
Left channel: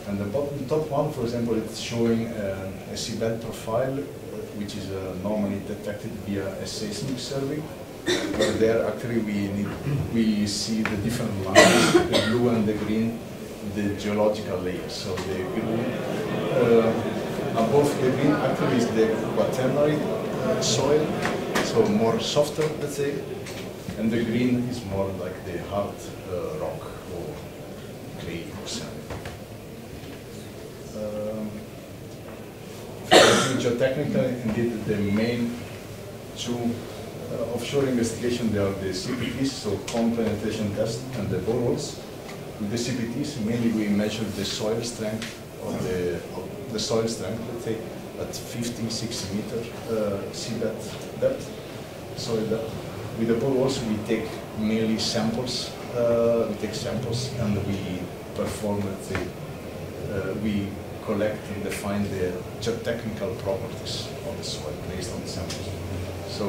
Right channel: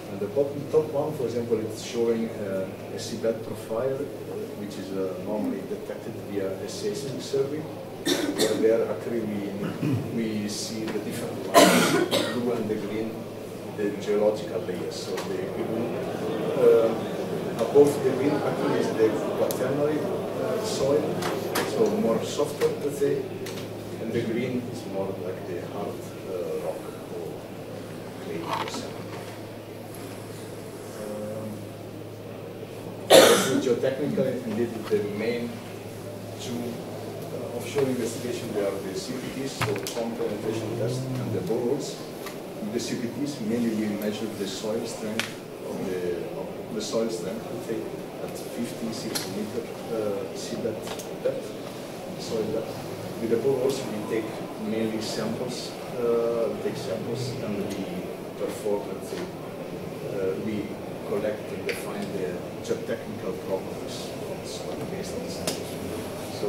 And the top one, for example, it's showing a seabed profile, which is normally detected via a seismic survey. But there, actually, we see the different lines, the blue and the green, the geological layers. So the green, above the green, actually, is the quaternary soil, so more softer, let's say, and the green is more like the hard rock or clay or sand. Geotechnical, indeed, the main two offshore investigation, they are the CPTs, so pond penetration test, and the boreholes. With the CPTs, mainly we measure the soil strength of the soil strength, let's say, at 50-60 meter seabed depth, soil depth. With the boreholes, we take mainly samples, and we perform, let's say, we collect and define the geotechnical properties of the soil based on the samples. So,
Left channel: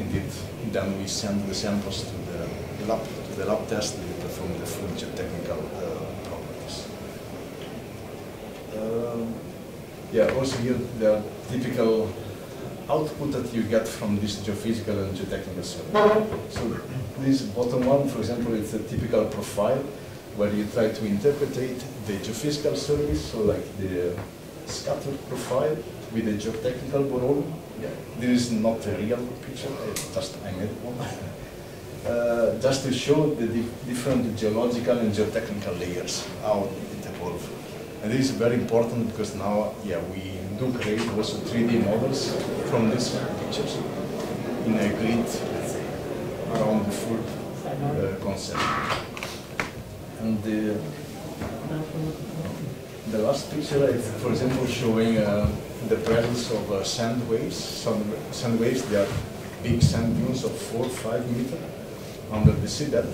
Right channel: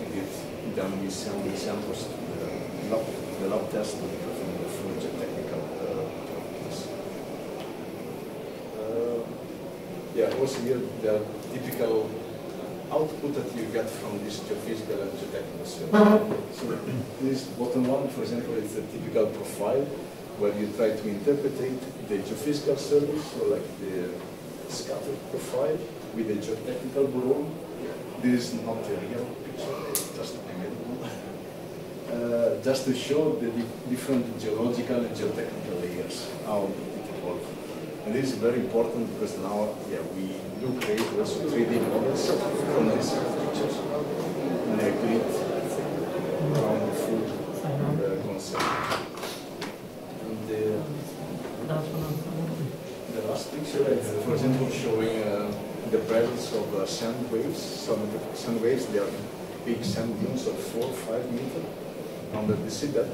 indeed, then we send the samples to the lab test and we perform the full geotechnical properties. Yeah, also here there are typical output that you get from this geophysical and geotechnical survey. So this bottom one, for example, it's a typical profile where you try to interpret the geophysical surveys, so like the scattered profile with the geotechnical borehole. Yeah, this is not a real picture, it's just I made one. Just to show the different geological and geotechnical layers, how it evolved. And this is very important because now, yeah, we do create also 3D models from these pictures in a grid, let's say, around the full concept. And the last picture is, for example, showing the presence of sand waves. Some sand waves, they are big sand dunes of 4 or 5 meters under the seabed,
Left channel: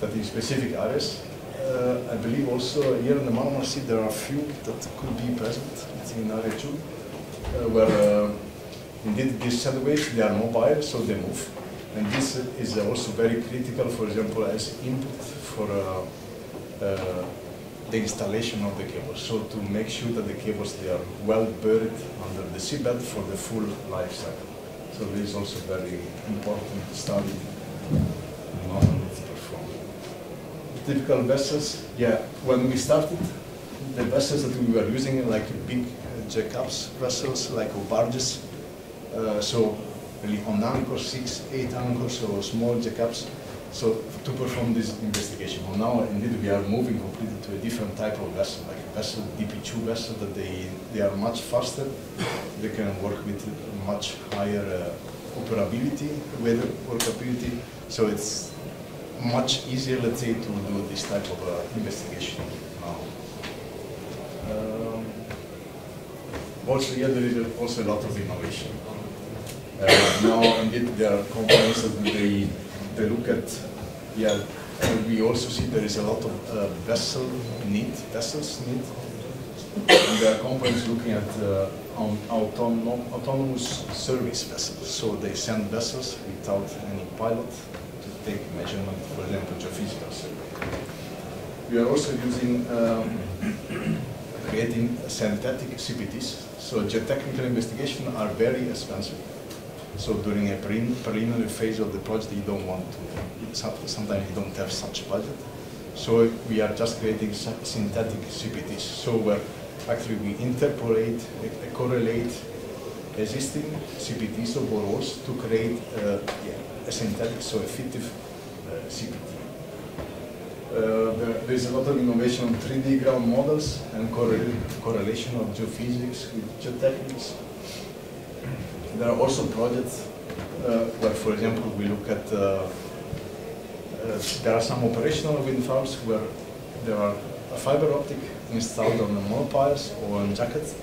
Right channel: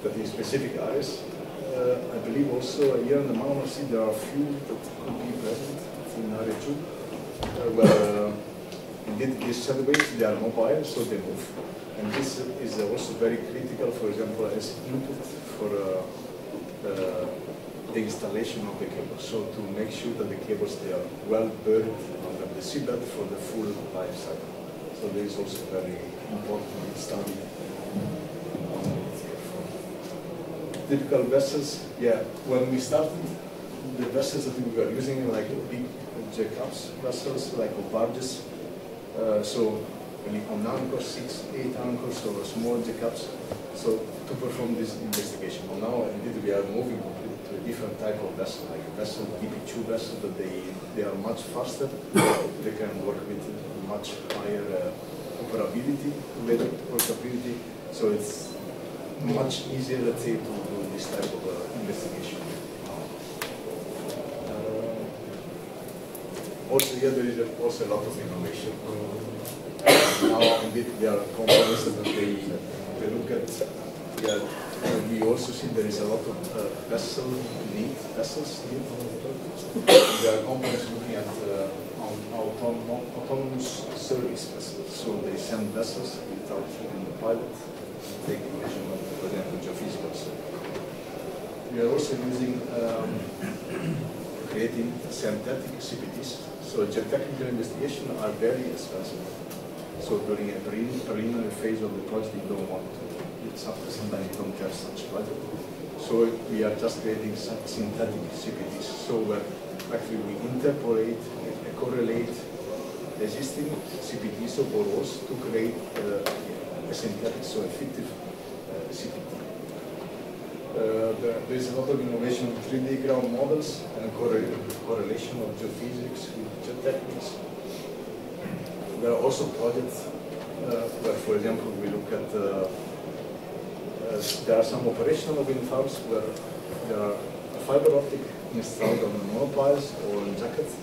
that is specific areas. I believe also here in the Marmara Sea there are a few that could be present in area 2, where indeed these sand waves, they are mobile, so they move. And this is also very critical, for example, as input for the installation of the cables. So to make sure that the cables, they are well buried under the seabed for the full life cycle. So this is also very important study and often it's performed. typical vessels, yeah, when we started, the vessels that we were using, like big jackups vessels, like barges, so really on anchors, 6, 8 anchors, or small jackups, so to perform this investigation. Well, now indeed we are moving completely to a different type of vessel, like a vessel, DP2 vessel, that they are much faster, they can work with much higher operability, weather workability, so it's much easier, let's say, to do this type of investigation now. Also, yeah, there is also a lot of innovation. Now, indeed, there are companies that they look at, yeah, we also see there is a lot of vessels need. There are companies looking at autonomous service vessels. So they send vessels without any pilot, take measurement, for example, geophysicals. We are also using creating synthetic CPTs. So geotechnical investigations are very expensive. So during a preliminary phase of the project, you don't want to, sometimes you don't have such budget. So we are just creating synthetic CPTs. So actually we interpolate, correlate existing CPTs of borrows to create a synthetic, so a fictive CPT. There is a lot of innovation on 3D ground models and correlation of geophysics with geotechnics. There are also projects where, for example, we look at, there are some operational wind farms where there are a fiber optic installed on monopiles or on jackets,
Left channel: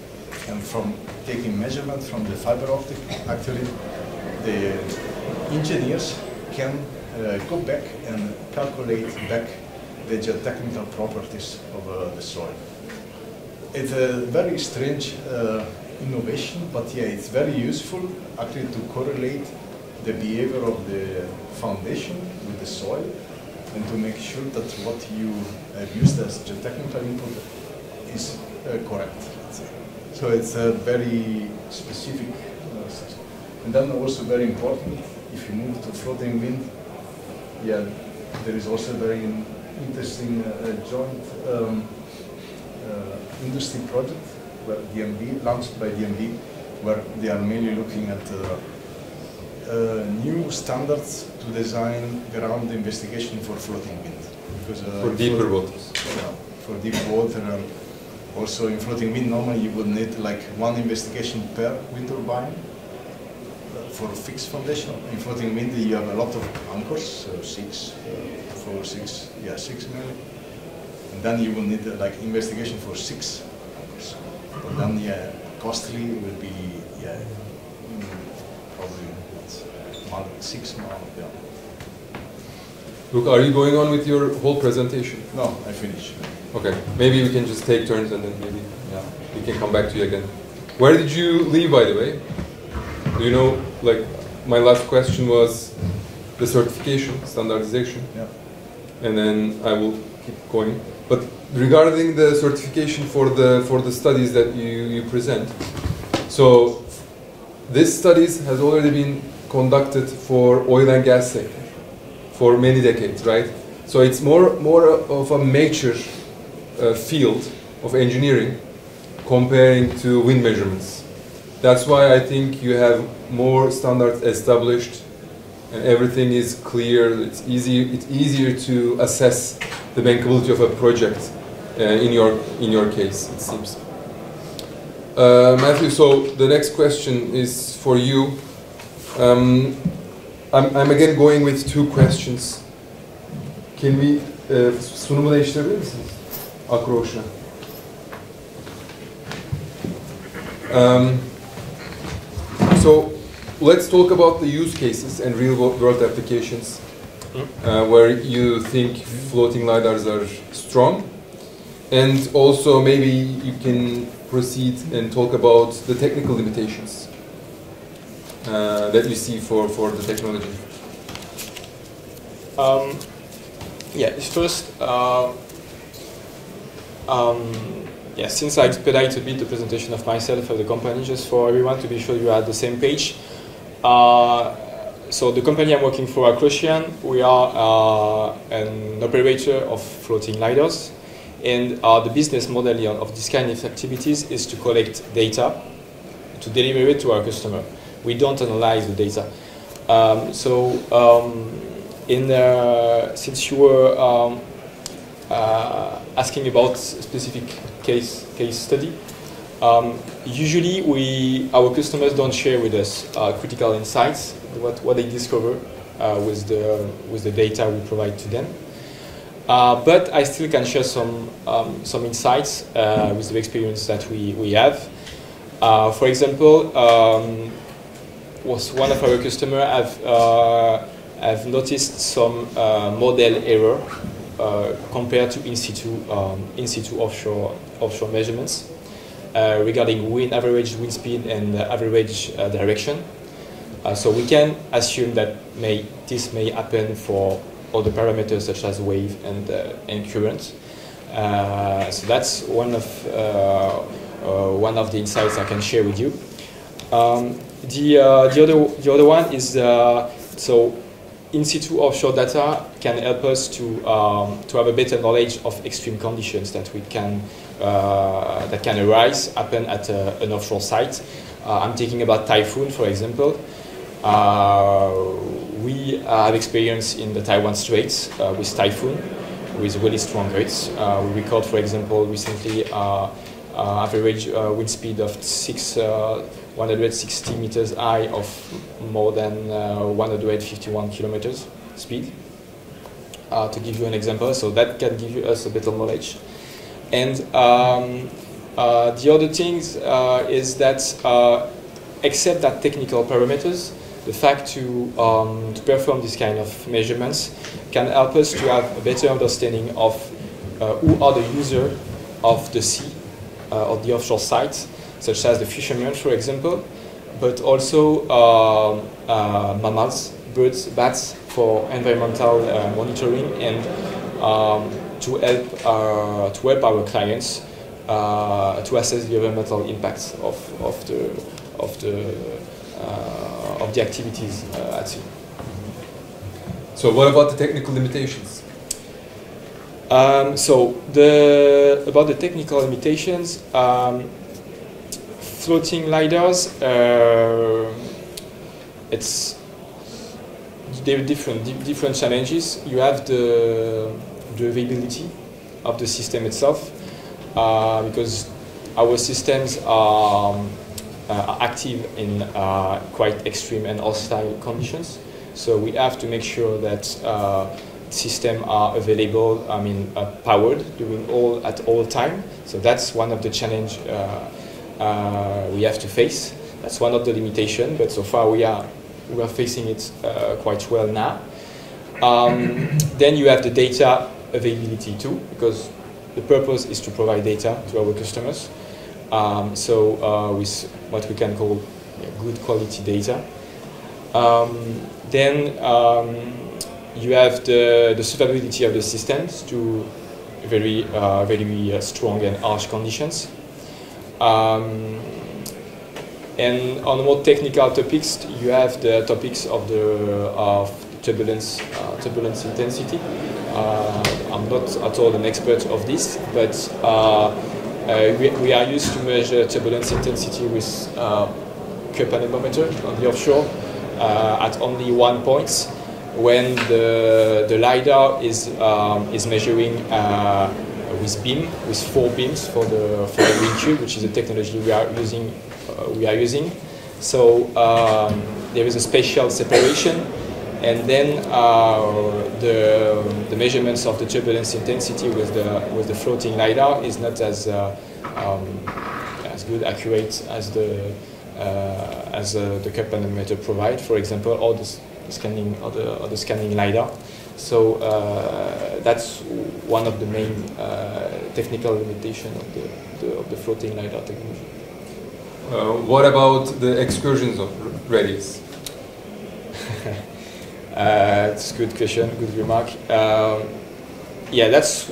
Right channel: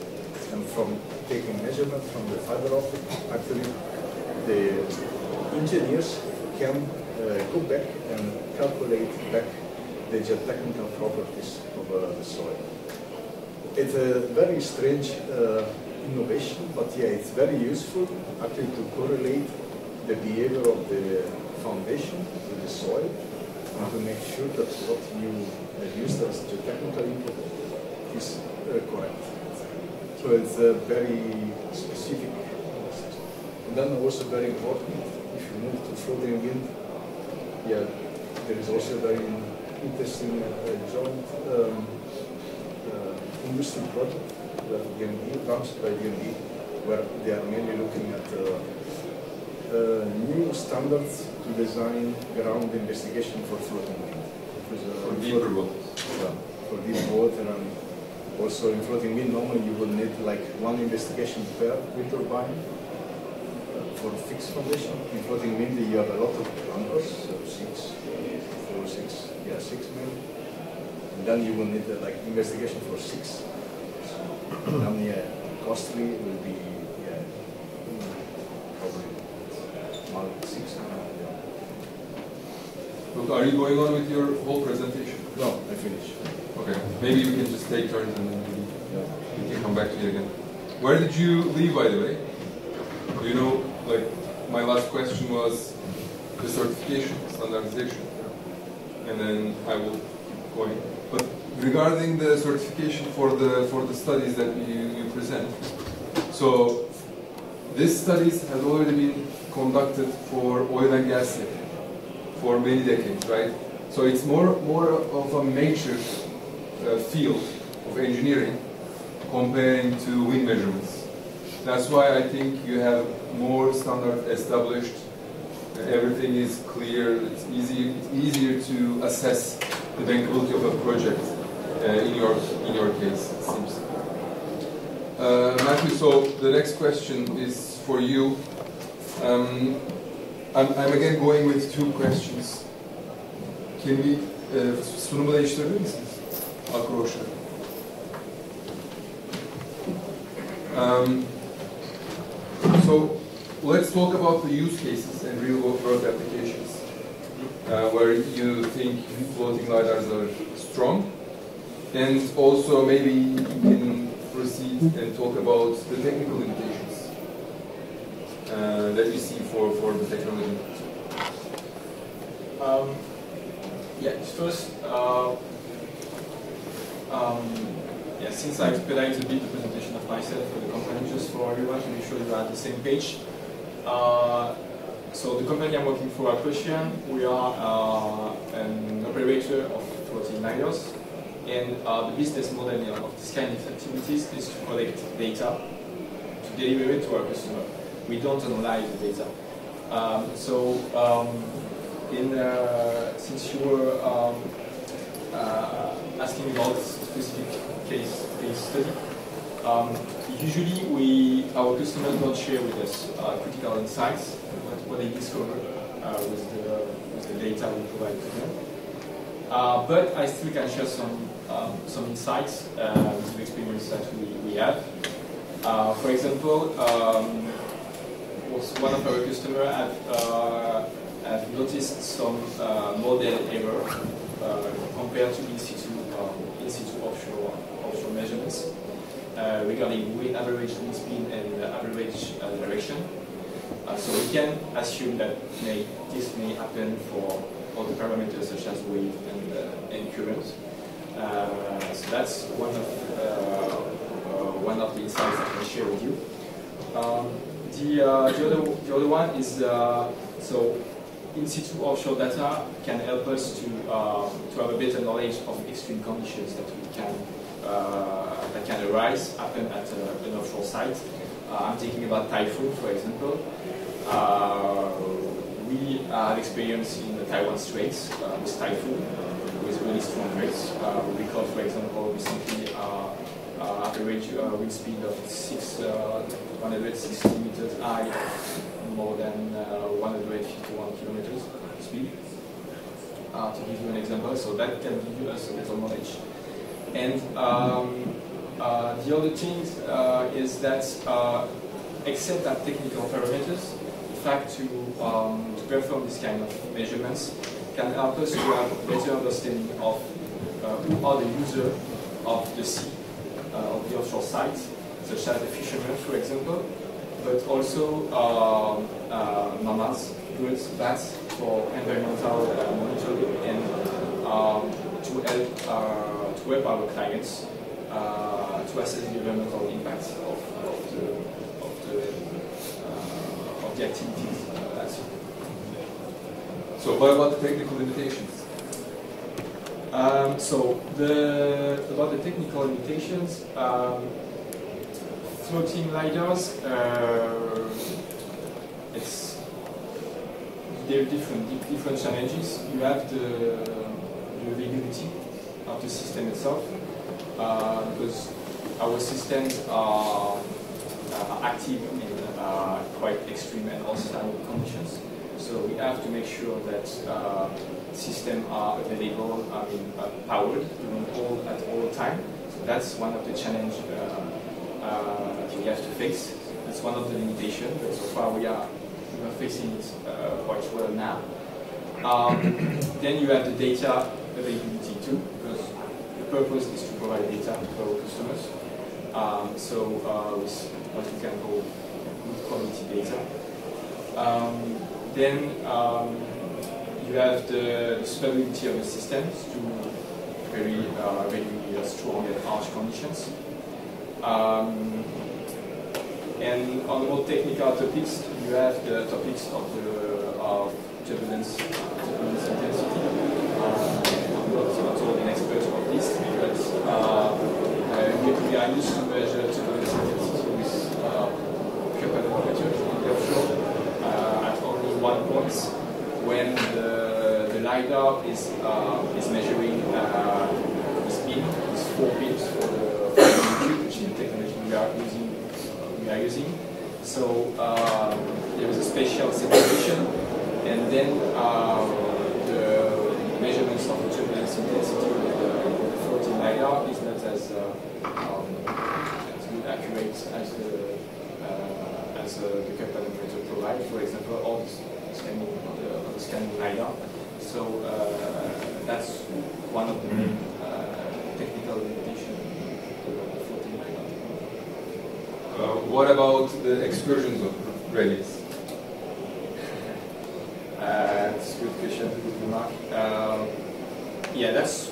and from taking measurements from the fiber optic, actually the engineers can go back and calculate back the geotechnical properties of the soil. It's a very strange innovation, but yeah, it's very useful actually to correlate the behavior of the foundation with the soil and to make sure that what you have used as geotechnical input is correct. So it's a very specific and then also very important, if you move to floating wind, yeah, there is also very interesting joint industry project DMV, launched by DMV, where they are mainly looking at new standards to design ground investigation for floating wind. Because, for deeper waters. Yeah, for deep water, and also in floating wind, normally you would need like one investigation per wind turbine for fixed foundation. In floating wind, you have a lot of anchors, so 6 million. And then you will need like investigation for 6. And then, yeah, costly will be, yeah, probably 6 now. Yeah. Look, are you going on with your whole presentation? No, I finished. Okay, maybe we can just take turns and then maybe we can come back to you again. Where did you leave, by the way? Do you know, like, my last question was the certification, standardization, and then I will keep going. But regarding the certification for the studies that you present, so this studies has already been conducted for oil and gas sector for many decades, right? So it's more of a mature field of engineering comparing to wind measurements. That's why I think you have more standards established and everything is clear. It's easier to assess the bankability of a project in your case, it seems. Matthew, so the next question is for you. I'm again going with 2 questions. Can we sunumu değiştirebilir misiniz? Akroşa. So let's talk about the use cases and real-world applications where you think floating lidars are strong, and also maybe you can proceed and talk about the technical limitations that you see for the technology. Yeah, first, yeah, since I expedite a bit the presentation of myself and the company, just for everyone to be sure you are at the same page. So the company I'm working for, Croatian, we are an operator of floating lidars, and the business model of this kind of activities is to collect data, to deliver it to our customer. We don't analyze the data. Since you were asking about specific case study, usually our customers don't share with us critical insights, what they discover with the data we provide to them. But I still can share some insights with the experience that we have. For example, was one of our customers have noticed some model error compared to in situ offshore measurements regarding average wind speed and average direction. So we can assume that this may happen for other parameters such as wave and current. So that's one of the insights I can share with you. The other one is so in situ offshore data can help us to have a better knowledge of extreme conditions that can happen at an offshore site. I'm thinking about typhoon, for example. We have experience in the Taiwan Straits with typhoon, with really strong winds. We record, for example, recently average wind speed of 160 meters high of more than 151 kilometers speed, to give you an example. So that can give us a better knowledge. And the other things is that except that technical parameters, the fact to perform this kind of measurements can help us to have a better understanding of who are the users of the sea, of the offshore sites, such as the fishermen, for example, but also mammals, birds, bats, for environmental monitoring and to help our clients to assess the environmental impacts of the activities at sea. So what about the technical limitations? About the technical limitations, floating lidars, there are different challenges. You have the availability of the system itself, because our systems are active in quite extreme and hostile conditions. So we have to make sure that systems are available, powered at all time. So that's one of the challenges we have to face. That's one of the limitations, but so far we are facing it quite well now. Then you have the data availability too, because the purpose is to provide data to our customers. With what we can call good quality data. Then you have the survivability of the systems to very strong and harsh conditions. And on more technical topics, you have the topics of turbulence intensity. I'm not at all an expert of this, but we are used to measure turbulence intensity with cup anemometer on the offshore at only 1 point, when the lidar is measuring with 4 beams for the wind tube, which is a technology we are using. So there is a spatial separation, and then the measurements of the turbulence intensity with the floating lidar is not as good, accurate as the cup anemometer provide, for example, or the scanning lidar. So that's one of the main technical limitations of the floating lidar technology. What about the excursion zone radius? It's a good question, good remark. That's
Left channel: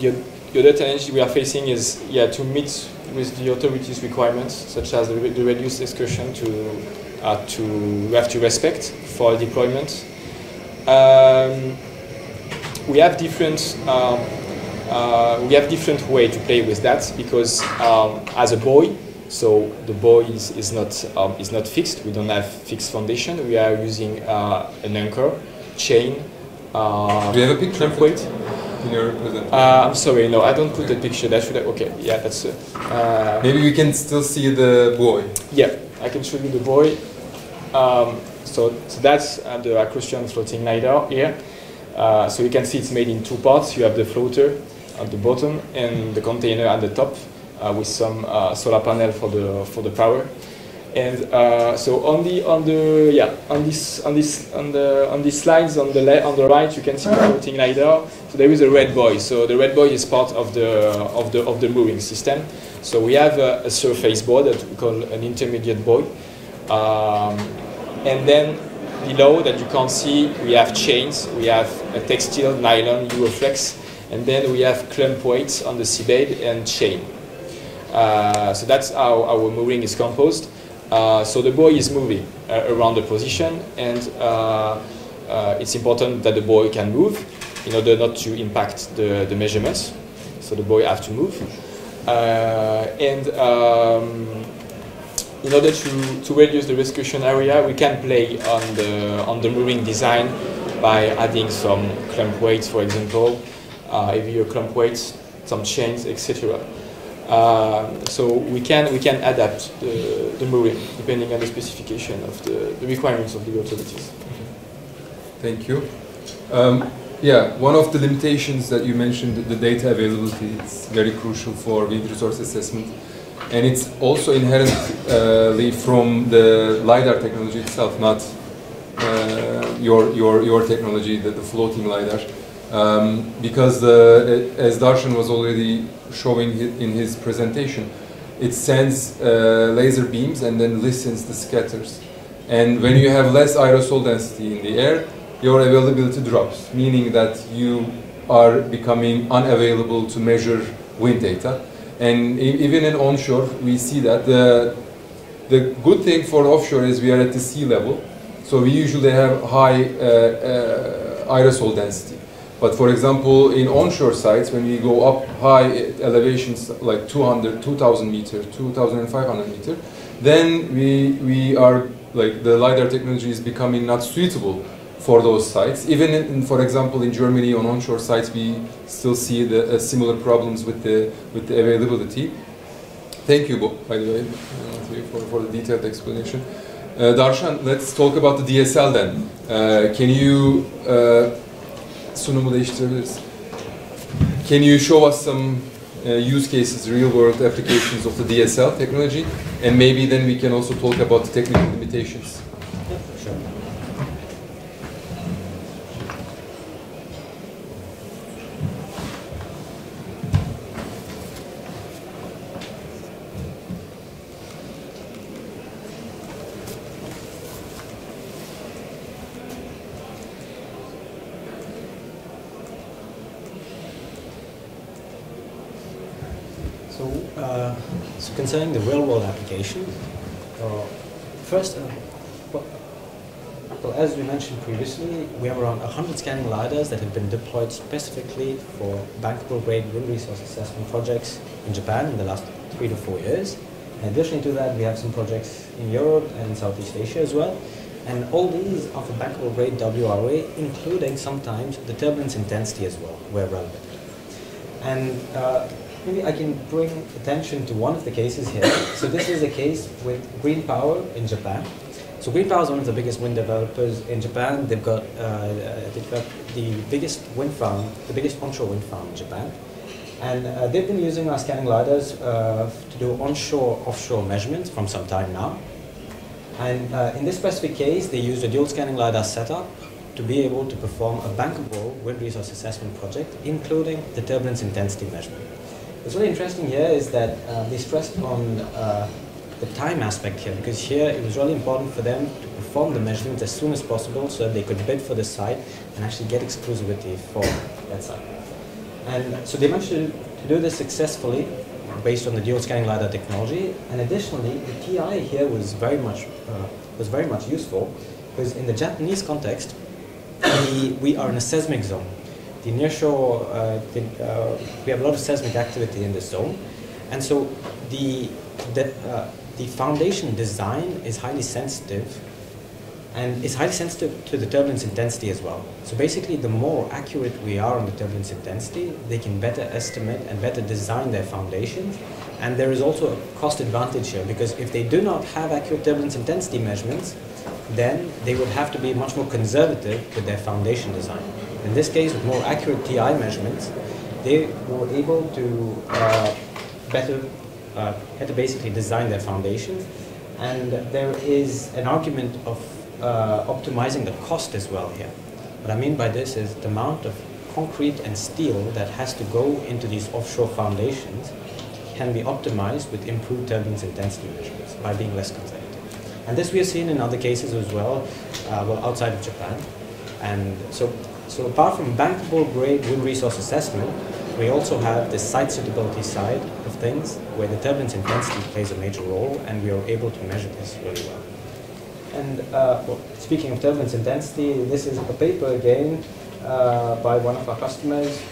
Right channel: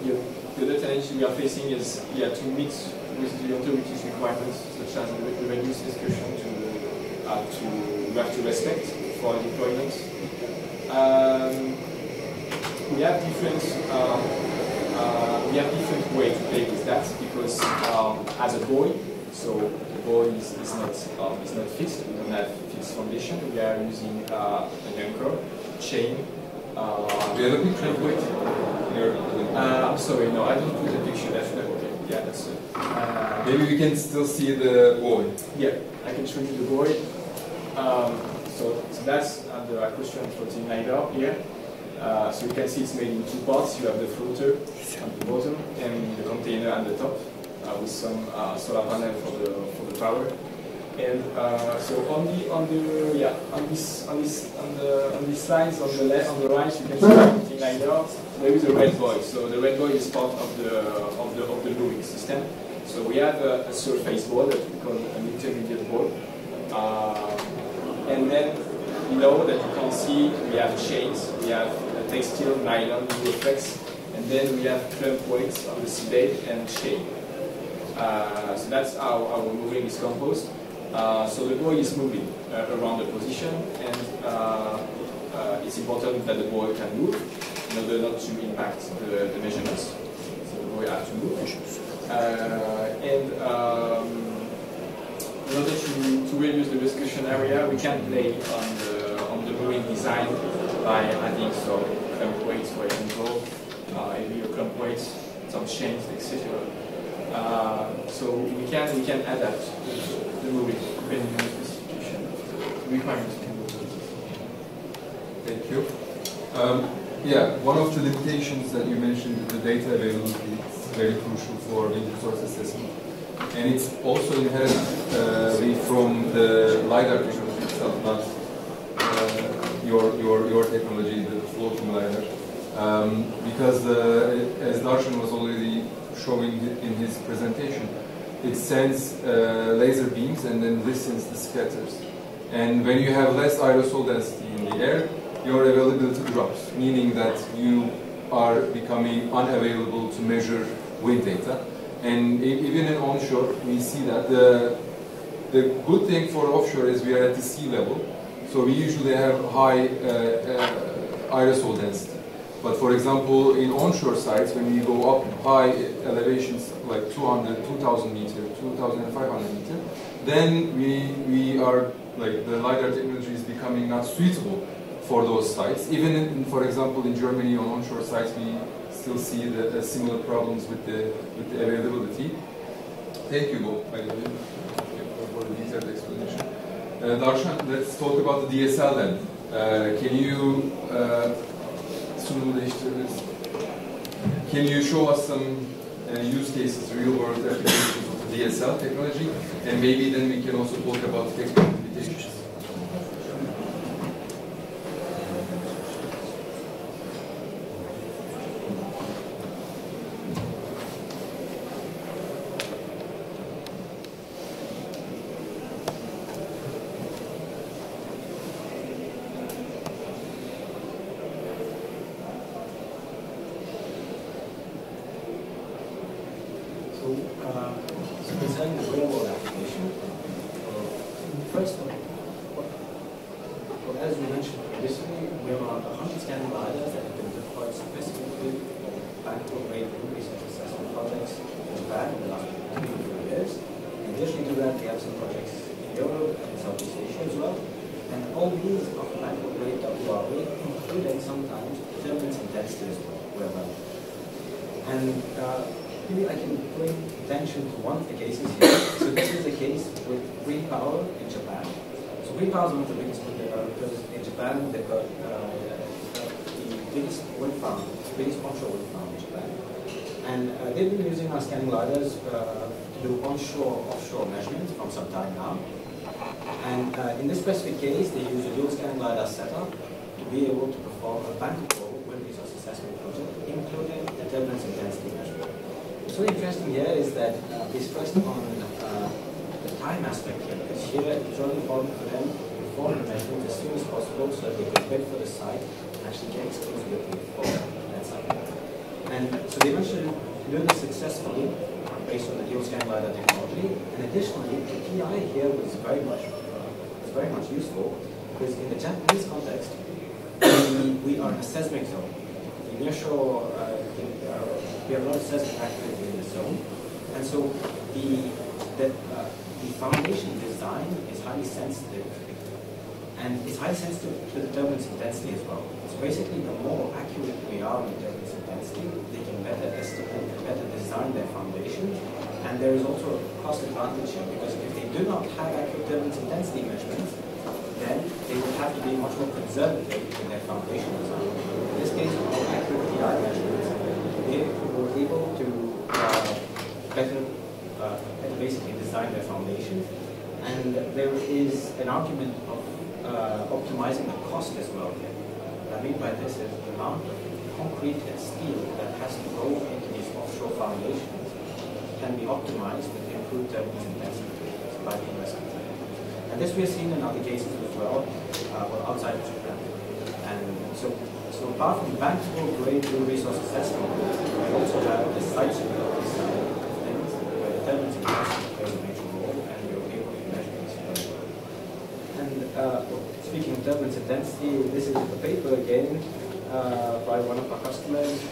the other challenge we are facing is to meet with the authorities' requirements, such as the reduced excursion to we have to respect for deployment. We have different way to play with that because as a buoy, so the buoy is not fixed. We don't have fixed foundation. We are using an anchor, chain. Do you have a picture of it in your presentation? I'm sorry, no, I don't put the picture. That should have, okay, yeah, that's it. Maybe we can still see the buoy. Yeah, I can show you the buoy. So that's the Acrostian floating lidar here. So you can see it's made in two parts. You have the floater at the bottom and the container at the top with some solar panel for the power. And so on these slides on the right you can see the floating lidar. So there is a red buoy. So the red buoy is part of the mooring system. So we have a surface board that we call an intermediate buoy. And then below that you can't see, we have chains, we have a textile, nylon, Euroflex, and then we have clamp weights on the seabed and chain. So that's how our mooring is composed. So the buoy is moving around the position, and it's important that the buoy can move in order not to impact the measurements. So the buoy has to move. In order to reduce the rescuation area, we can play on the mooring design by adding some clamp weights, for example, heavier clamp weights, some chains, etc. So we can adapt the mooring depending on the specification of the requirements of the authorities. Thank you. Yeah, one of the limitations that you mentioned, the data availability, is very crucial for wind resource assessment. And it's also inherently from the LiDAR technology itself, not your technology, the floating LiDAR. Because as Darshan was already showing in his presentation, it sends laser beams and then listens the scatters. And when you have less aerosol density in the air, your availability drops, meaning that you are becoming unavailable to measure wind data. And even in onshore, we see that. The good thing for offshore is we are at the sea level, so we usually have high aerosol density. But for example, in onshore sites, when we go up high elevations like 2,000 meters, 2,500 meters, then we are, like, the LiDAR technology is becoming not suitable for those sites. Even in, for example, in Germany on onshore sites, we still see the similar problems with the availability. Thank you, Bob, by the way, for the detailed explanation. Darshan, let's talk about the DSL then. Can you sunumu değiştirebiliriz? Can you show us some use cases, real-world applications of the DSL technology, and maybe then we can also talk about the technical limitations. So concerning the real-world application, first, well, as we mentioned previously, we have around 100 scanning LiDARs that have been deployed specifically for bankable-grade wind resource assessment projects in Japan in the last 3 to 4 years. In addition to that, we have some projects in Europe and Southeast Asia as well. And all these are for bankable-grade WRA, including sometimes the turbulence intensity as well, where relevant. And maybe I can bring attention to one of the cases here. So this is a case with Green Power in Japan. So Green Power is one of the biggest wind developers in Japan. They've got the biggest wind farm, the biggest onshore wind farm in Japan. And they've been using our scanning LiDARs to do onshore, offshore measurements from some time now. And in this specific case, they used a dual scanning LiDAR setup to be able to perform a bankable wind resource assessment project, including the turbulence intensity measurement. What's really interesting here is that they stressed on the time aspect here, because here it was really important for them to perform the measurements as soon as possible so that they could bid for the site and actually get exclusivity for that site. And so they managed to do this successfully based on the dual scanning LiDAR technology. And additionally, the TI here was very much was very much useful, because in the Japanese context, we are in a seismic zone. The nearshore, we have a lot of seismic activity in this zone, and so the foundation design is highly sensitive, and it's highly sensitive to the turbulence intensity as well. So basically, the more accurate we are on the turbulence intensity, they can better estimate and better design their foundation. And there is also a cost advantage here, because if they do not have accurate turbulence intensity measurements, then they will have to be much more conservative with their foundation design. In this case, with more accurate TI measurements, they were able to better basically design their foundation. And there is an argument of optimizing the cost as well here. What I mean by this is the amount of concrete and steel that has to go into these offshore foundations can be optimized with improved turbulence intensity measurements by being less conservative. And this we have seen in other cases as well, outside of Japan. And so apart from bankable grade new resource assessment, we also have the site suitability side of things, where the turbulence intensity plays a major role, and we are able to measure this really well. And well, speaking of turbulence intensity, this is a paper again by one of our customers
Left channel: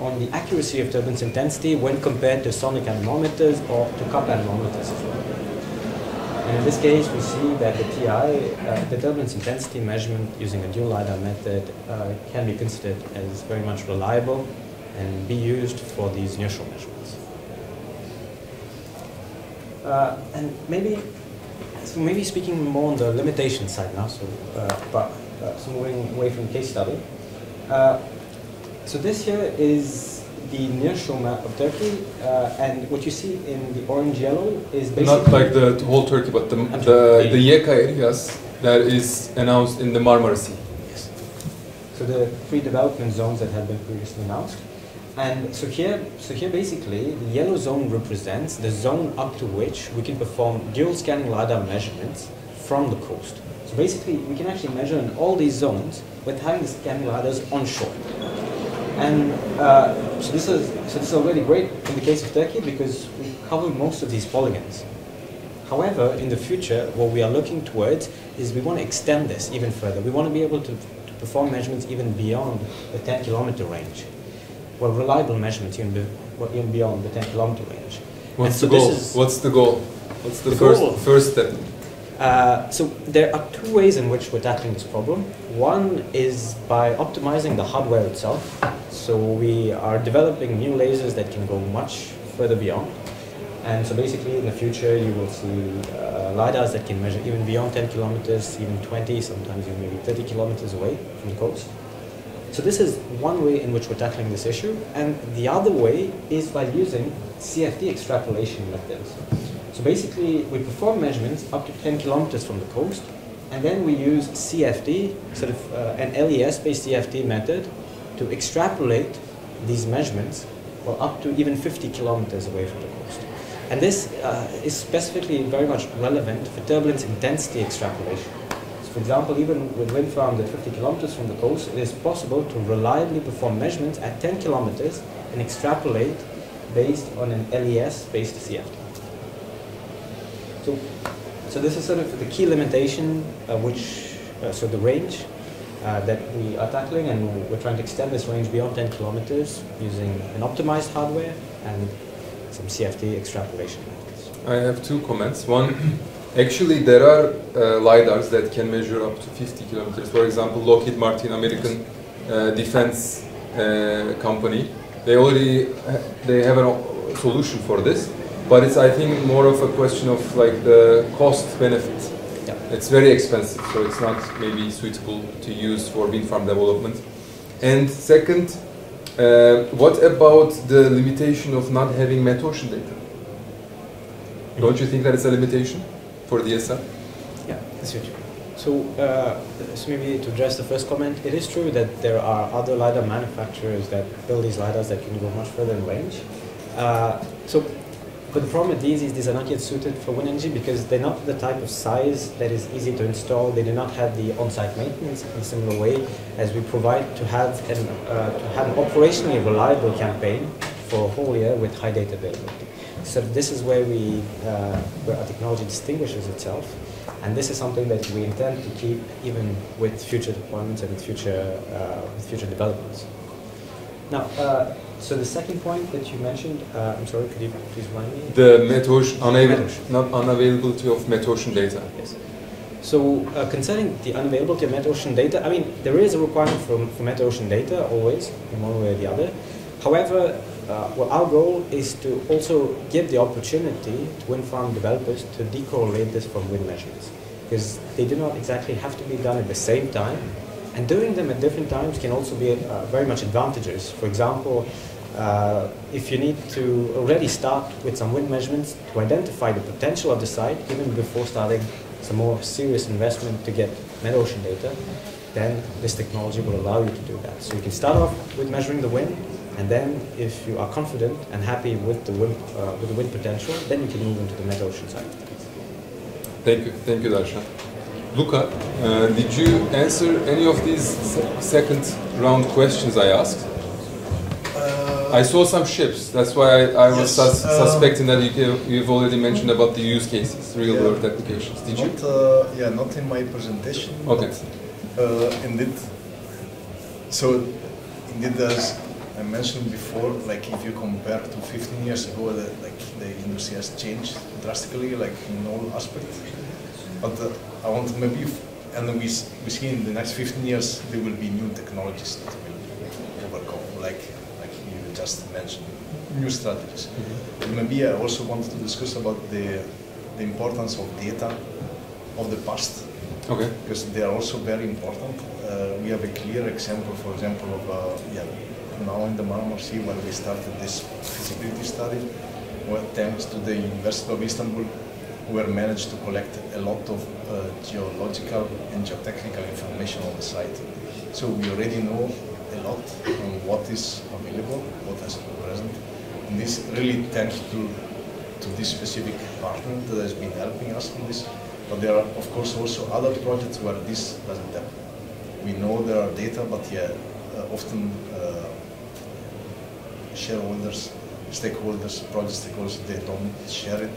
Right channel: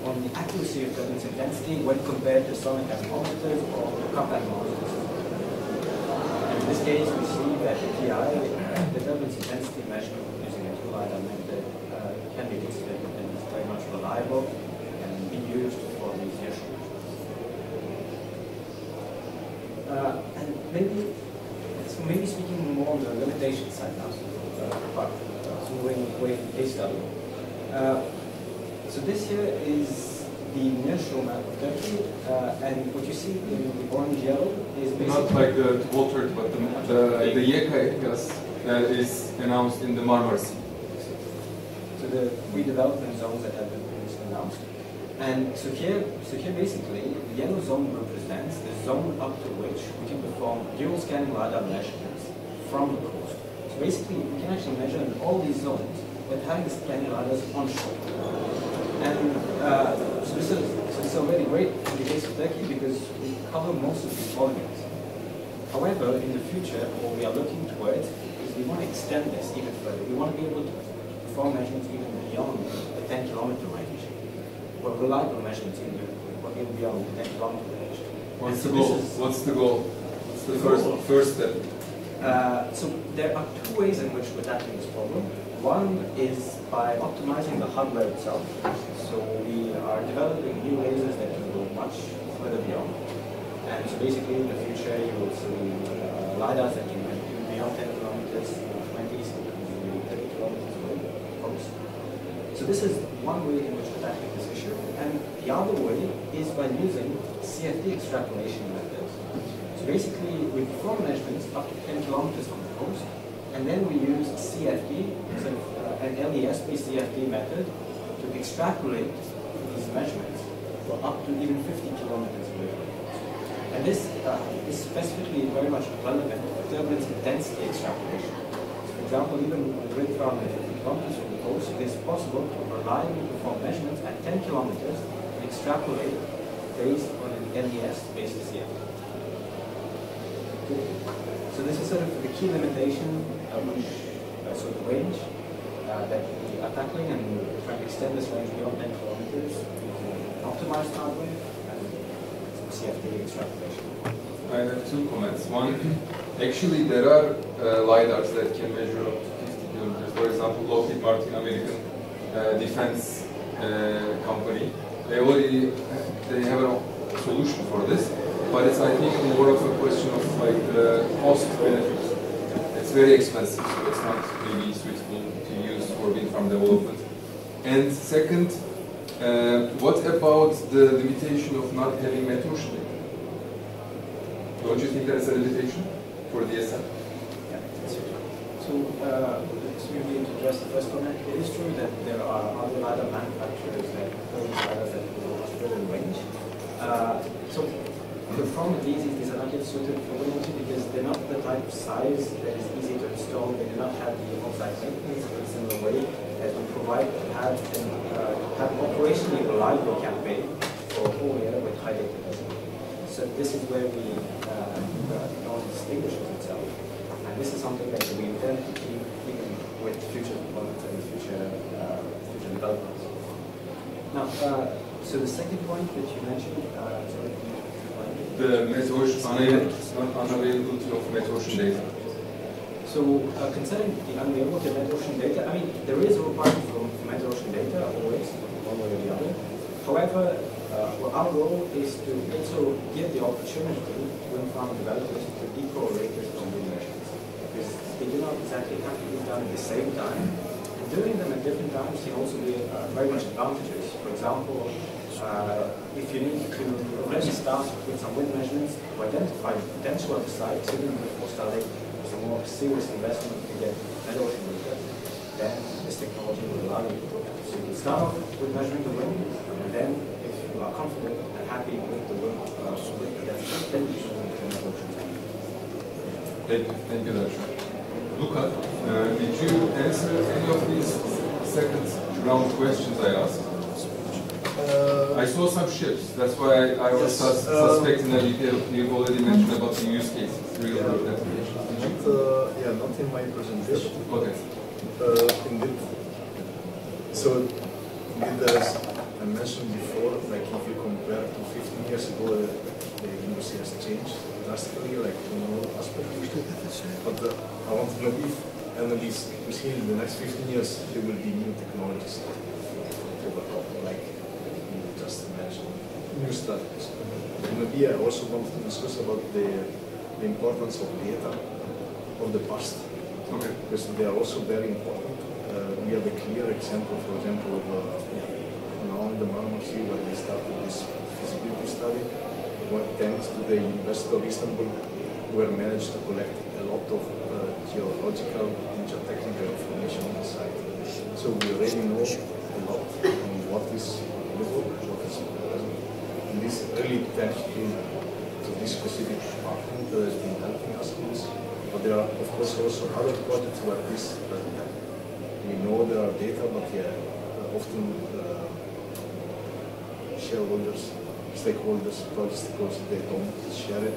on the accuracy of turbulence intensity when compared to sonic anemometers or to cup anemometers. And in this case, we see that the TI, the turbulence intensity measurement using a dual LiDAR method, can be considered as very much reliable and be used for these nearshore measurements. And maybe speaking more on the limitation side now, so moving away from the case study. So this here is the nearshore map of Turkey, and what you see in the orange-yellow is basically... Not like the whole Turkey, but the Yeka areas that is announced in the Marmara Sea. Yes. So the 3 development zones that have been previously announced. And so here basically, the yellow zone represents the zone up to which we can perform dual scanning LiDAR measurements from the coast. So basically, we can actually measure in all these zones with highly scanning LiDARs onshore. And so this is already great in the case of Turkey, because we cover most of these polygons. However, in the future, what we are looking towards is we want to extend this even further. We want to be able to perform measurements even beyond the 10-kilometer range. Well, reliable measurements even beyond the 10-kilometer range. What's the goal? What's the goal? What's the first step? So there are 2 ways in which we're tackling this problem. One is by optimizing the hardware itself. So we are developing new lasers that can go much further beyond. And so basically in the future you will see LiDARs that can measure even beyond 10 kilometers, even 20, sometimes even maybe 30 kilometers away from the coast. So this is one way in which we're tackling this issue. And the other way is by using CFD extrapolation methods. So basically, we perform measurements up to 10 kilometers from the coast, and then we use CFD, sort of an LES-based CFD method, to extrapolate these measurements for up to even 50 kilometers away from the coast. And this is specifically very much relevant for turbulence intensity extrapolation. So for example, even with wind farms at 50 kilometers from the coast, it is possible to reliably perform measurements at 10 kilometers and extrapolate based on an LES-based CFD. So this is sort of the key limitation, so the range that we are tackling, and we're trying to extend this range beyond 10 kilometers using an optimized hardware and some CFD extrapolation. I have 2 comments. One, actually there are LiDARs that can measure up to 50 kilometers. For example, Lockheed Martin, American defense company, they have a solution for this. But it's, I think, more of a question of like the cost benefit. Yeah. It's very expensive, so it's not maybe suitable to use for wind farm development. And second, what about the limitation of not having metocean data? Don't you think that is a limitation for DSM? Yeah, that's right. So maybe to address the first comment, it is true that there are other LiDAR manufacturers that build these LiDARs that can go much further in range. But the problem with these is these are not yet suited for wind energy because they're not the type of size that is easy to install. They do not have the on-site maintenance in a similar way as we provide to have an operationally reliable campaign for a whole year with high data availability. So this is where our technology distinguishes itself. And this is something that we intend to keep even with future deployments and with future developments. Now, so the second point that you mentioned, I'm sorry, could you please remind me? The unavailability of metocean data. Yes. So concerning the unavailability of metocean data, I mean, there is a requirement for metocean data always, in one way or the other. However, well, our goal is to also give the opportunity to wind farm developers to decorrelate this from wind measures, because they do not exactly have to be done at the same time, and doing them at different times can also be very much advantageous. For example, if you need to already start with some wind measurements to identify the potential of the site, even before starting some more serious investment to get metocean data, then this technology will allow you to do that. So you can start off with measuring the wind, and then if you are confident and happy with the wind potential, then you can move into the metocean side. Thank you, Darshan. Luca, did you answer any of these second round questions I asked? I saw some ships, that's why I was suspecting that you've already mentioned about the use cases, real-world applications. Did you? Not in my presentation. Okay. Indeed. So, indeed, as I mentioned before, like if you compare to 15 years ago, like the industry has changed drastically, like in all aspects. But I want to maybe, and we see in the next 15 years there will be new technologies that will overcome, like you just mentioned, new strategies. And maybe I also wanted to discuss about the importance of data of the past. Okay. Because they are also very important. We have a clear example, for example, of now in the Marmara Sea when we started this feasibility study, where thanks to the University of Istanbul, we managed to collect a lot of geological and geotechnical information on the site. So we already know a lot on what is available, what is present. And this really thanks to this specific department that has been helping us in this. But there are, of course, also other projects where this doesn't happen. We know there are data, but often shareholders, stakeholders, project stakeholders, they don't share it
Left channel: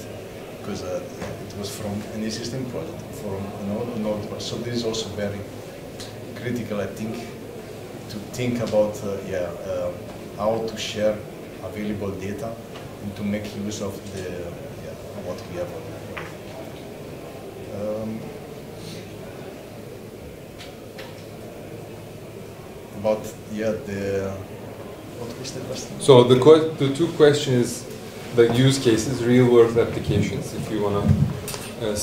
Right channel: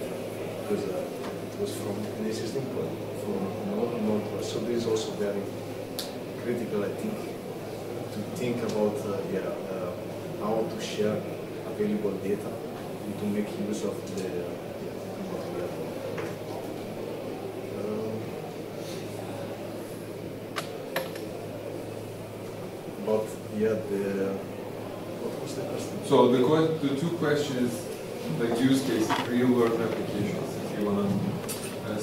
because it was from an existing project, from node. So this is also very critical, I think, to think about how to share available data and to make use of what we have. About what was the question? So the two questions, the use cases, real world applications, if you want to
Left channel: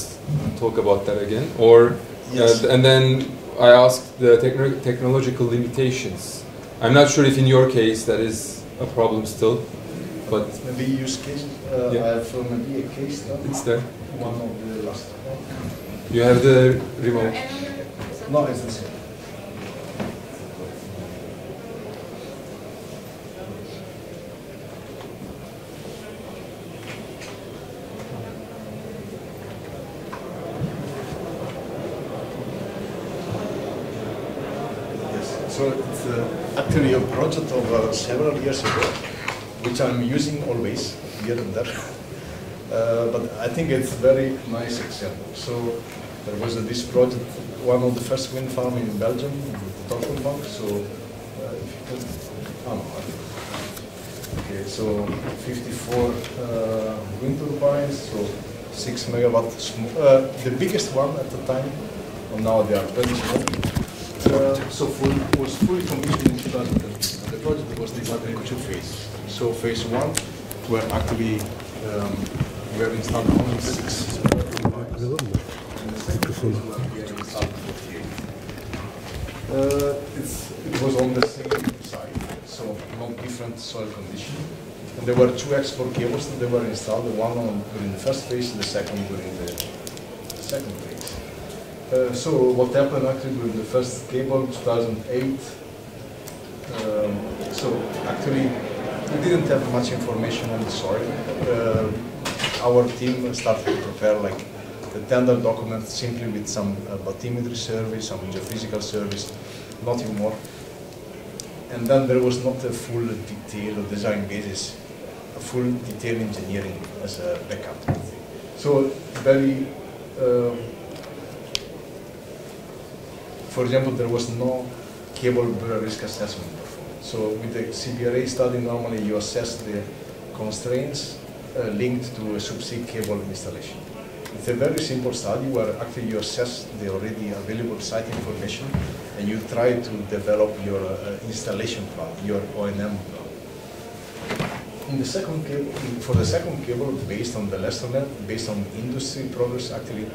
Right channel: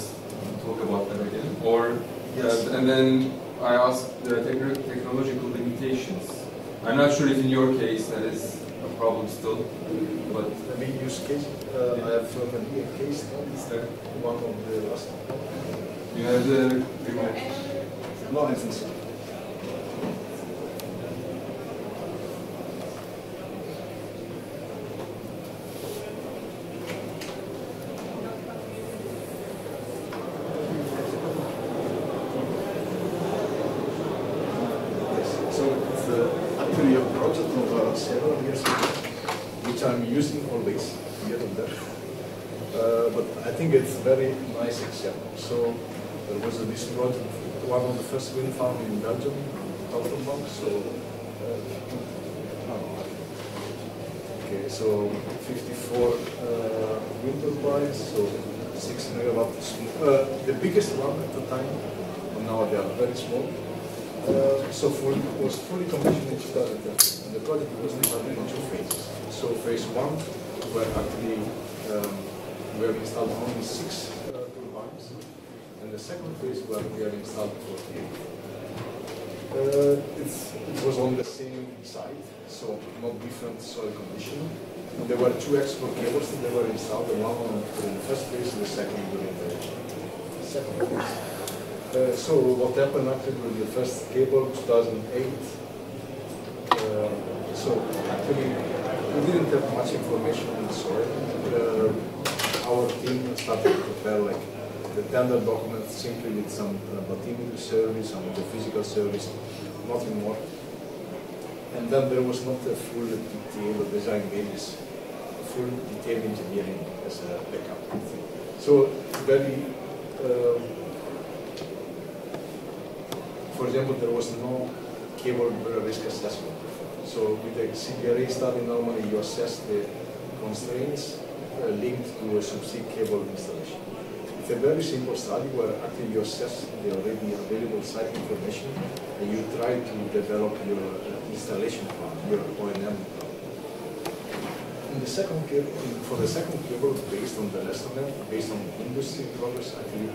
talk about that again, or yes. And then I asked the technological limitations. I'm not sure if in your case that is a problem still, but maybe use case. Yeah. I have maybe a case now. It's there. One of the last. You have the remote. No, it's this one. So it's actually a project of several years ago, which I'm using always, here and there. But I think it's a very nice example. So there was this project, one of the first wind farms in Belgium, Offshore. So, okay, so 54 wind turbines, so 6 megawatt. The biggest one at the time, and now they are very small. So was fully commissioned in 2020. The project was divided in two phases. So phase one, where actually we have installed only 6 turbines, and the second phase where we have installed 8. It was on the same site, so no different soil condition. And there were 2 export cables that they were installed, the one during the first phase, the second during the second phase. So what happened actually with the first cable, 2008, so actually we didn't have much information on the soil. Our team started to prepare like the tender document simply with some bathymetry survey, some geophysical surveys, nothing more. And then there was not a full detailed design basis, a full detailed engineering as a backup. So very for example, there was no cable risk assessment. So with the CBRA study, normally you assess the constraints linked to a subsea cable installation. It's a very simple study where actually you assess the already available site information and you try to develop your installation plan, your O&M plan. In the second cable, for the second cable, based on the lesson learned, based on industry progress, actually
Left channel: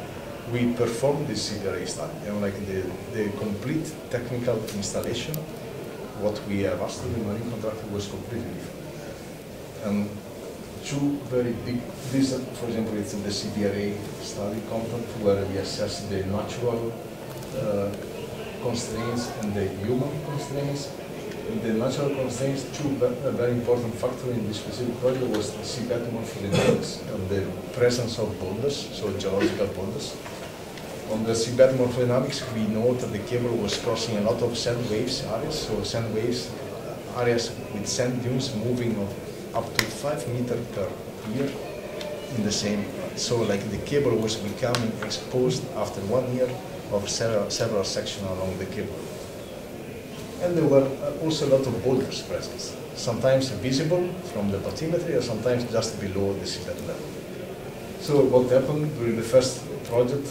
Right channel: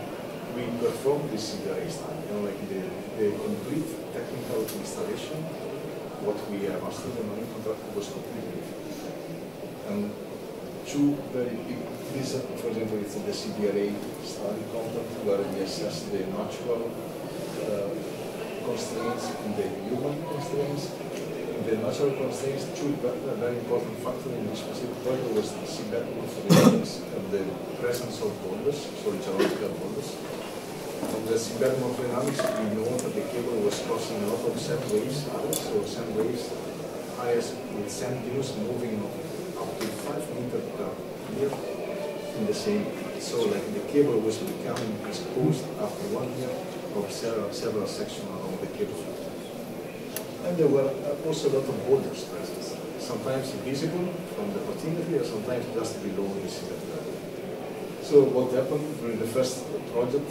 we performed this CBRA study. And like the complete technical installation, what we have asked the marine contractor was completely different. And two very big, this for example, it's the CBRA study content where we assess the natural constraints and the human constraints. And the natural constraints, two very important factors in this specific project was the seabed morphodynamics and the presence of boulders, so geological boulders. On the seabed morphodynamics, we know that the cable was crossing a lot of sand waves areas, so sand waves areas with sand dunes moving up to 5 meters per year in the same. So like the cable was becoming exposed after 1 year of several sections along the cable. And there were also a lot of boulders present, sometimes visible from the bathymetry or sometimes just below the seabed level. So what happened during the first project,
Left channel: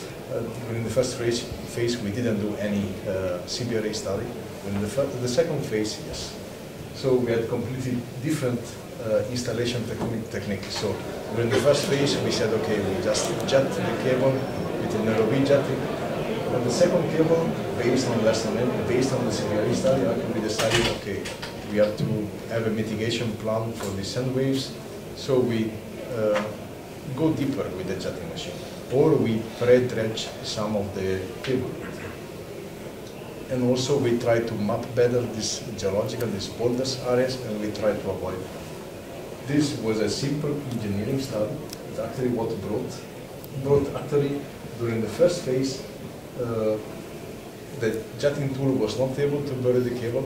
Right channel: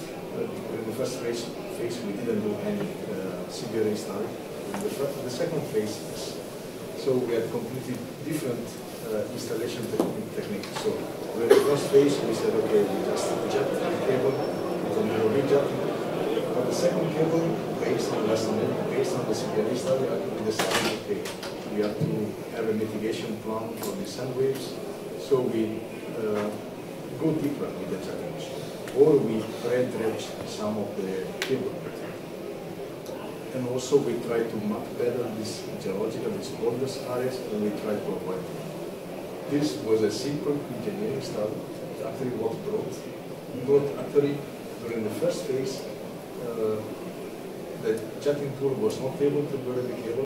during the first phase we didn't do any CBRA study. During the second phase, yes. So we had completely different installation technique. So during the first phase we said, okay, we just jet the cable with an ROV jetting. On the second cable, based on the lesson learned, based on the CBRA study, we decided, okay, we have to have a mitigation plan for the sand waves. So we go deeper with the jetting machine, or we pre-dredge some of the cable. And also we try to map better this geological, these boulders areas, and we try to avoid them. This was a simple engineering study. Actually what brought actually during the first phase, the jetting tool was not able to bury the cable.